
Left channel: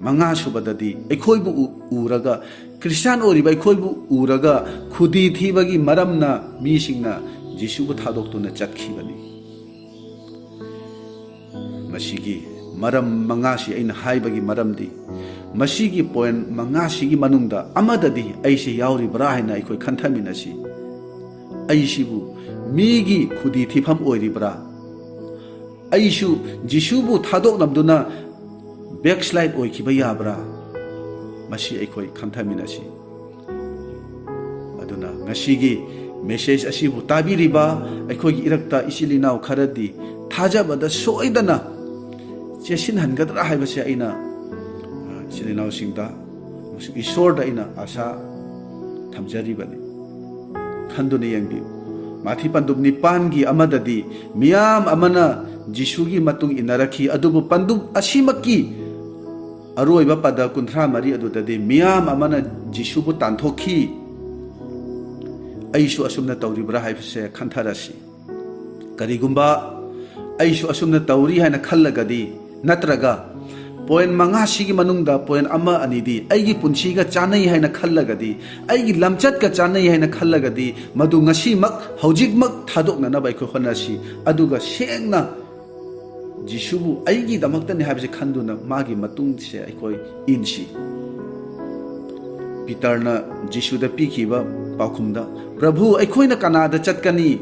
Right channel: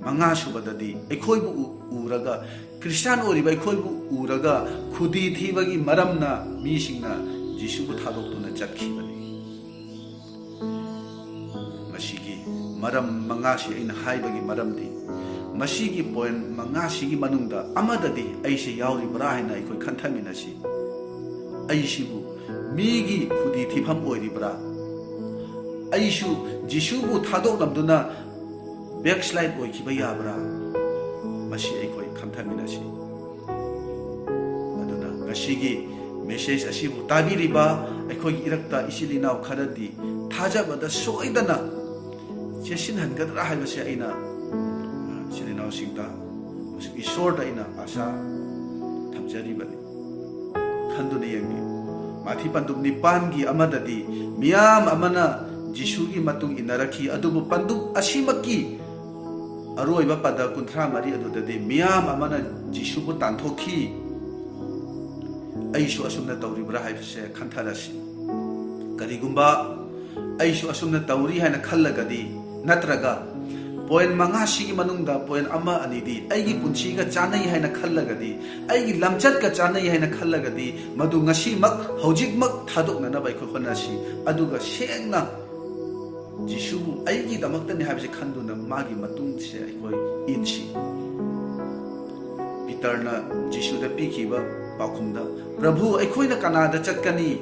manga subadadi aikhoibu uraga Christian oriba aikhoibu uraga khudi thibagi maramna misingna jisubu thadoktuna chakhibani masigi maram manga si aina haibagi maramdi masigi point manga sigi manungda amadadi aise yauri bra haina aikoi khanthaminasi aisibu migi khudi thifam oiribra aisu jisubu thadok namduna backslide oikiba yabra masi aikoi khanthaminasi aduna ngasigi message asibu tabiriba aikoi irakta isilinau kharadi thajabada soidana chesin hangadra haibase aina isilinau singda isorda aina asa thamjaribani khanduna yangbi mathi pandub nipangi amadadi miyam amana jisugi matung inarakhi adubu pandub asimaki aroiba pada kunthra mari adudade miyam amana jisubu tanthokhi aisu asumna tawribra haibase khantharasi karigumba aisu asumna tawri haina khallagadi natraga point manga sigi manungda point ama anidi aigi punchiga chanai haina khallagadi aigi lamchat ka chanai haina khallagadi madu ngasi mak hojik mak thadokna na bai ko khonasi aduga sengna jisubu aigi damakta ni habse khanduna magi matung se aikoi insi Peterna jisuda pikiba paukhumda prabhu aikoina kanada chatkani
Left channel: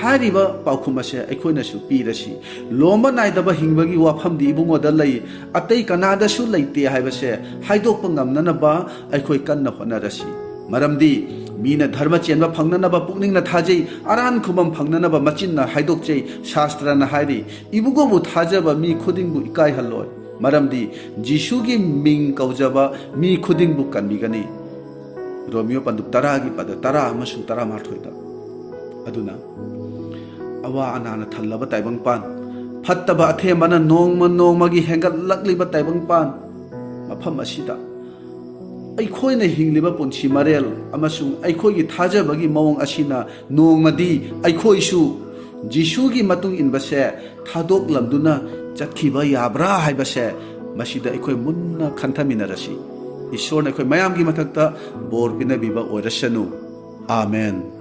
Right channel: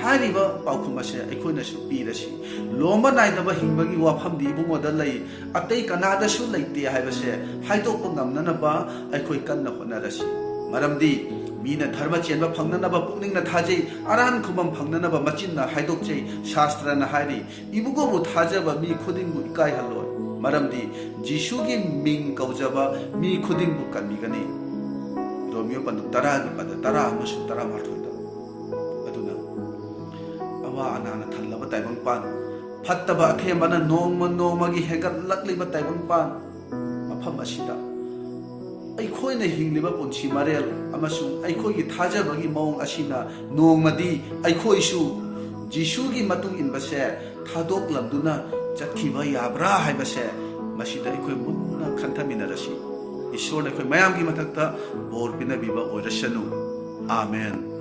hariba paukhuma se aikoina su pirasi lomba naidaba hingbagi wafamdi ibungoda lei atei kanada su leite haibase haidokpa ngamnanaba aikoi kanna honarasi maramdi mina dharma chenba phangnanaba pukningna thajei aran khumam phangnanaba machinna haidokchei shastrana hairi ibugobu thajaba mi khudingbu ikai halloi maramdi jisugi ming kaujaba mi khudingbu kanbigani Romeo pandu taragi pada tara amasu tara marthoida aduna awa anana thallaba taibang pan phattaba athe mana nongmagi hengat lakliba taibang pan mafam asida aikhoina hingliba punchi marel amasung aikhoigi thajabagi mawong asina nongmadi aikhoisu jisugi matung inbase thadok lamduna chatkhiba yabra haibase masida aikoi munna khanthaminarasi Ishor na koy mayam gi mathakta bor pinabiba orasanu amen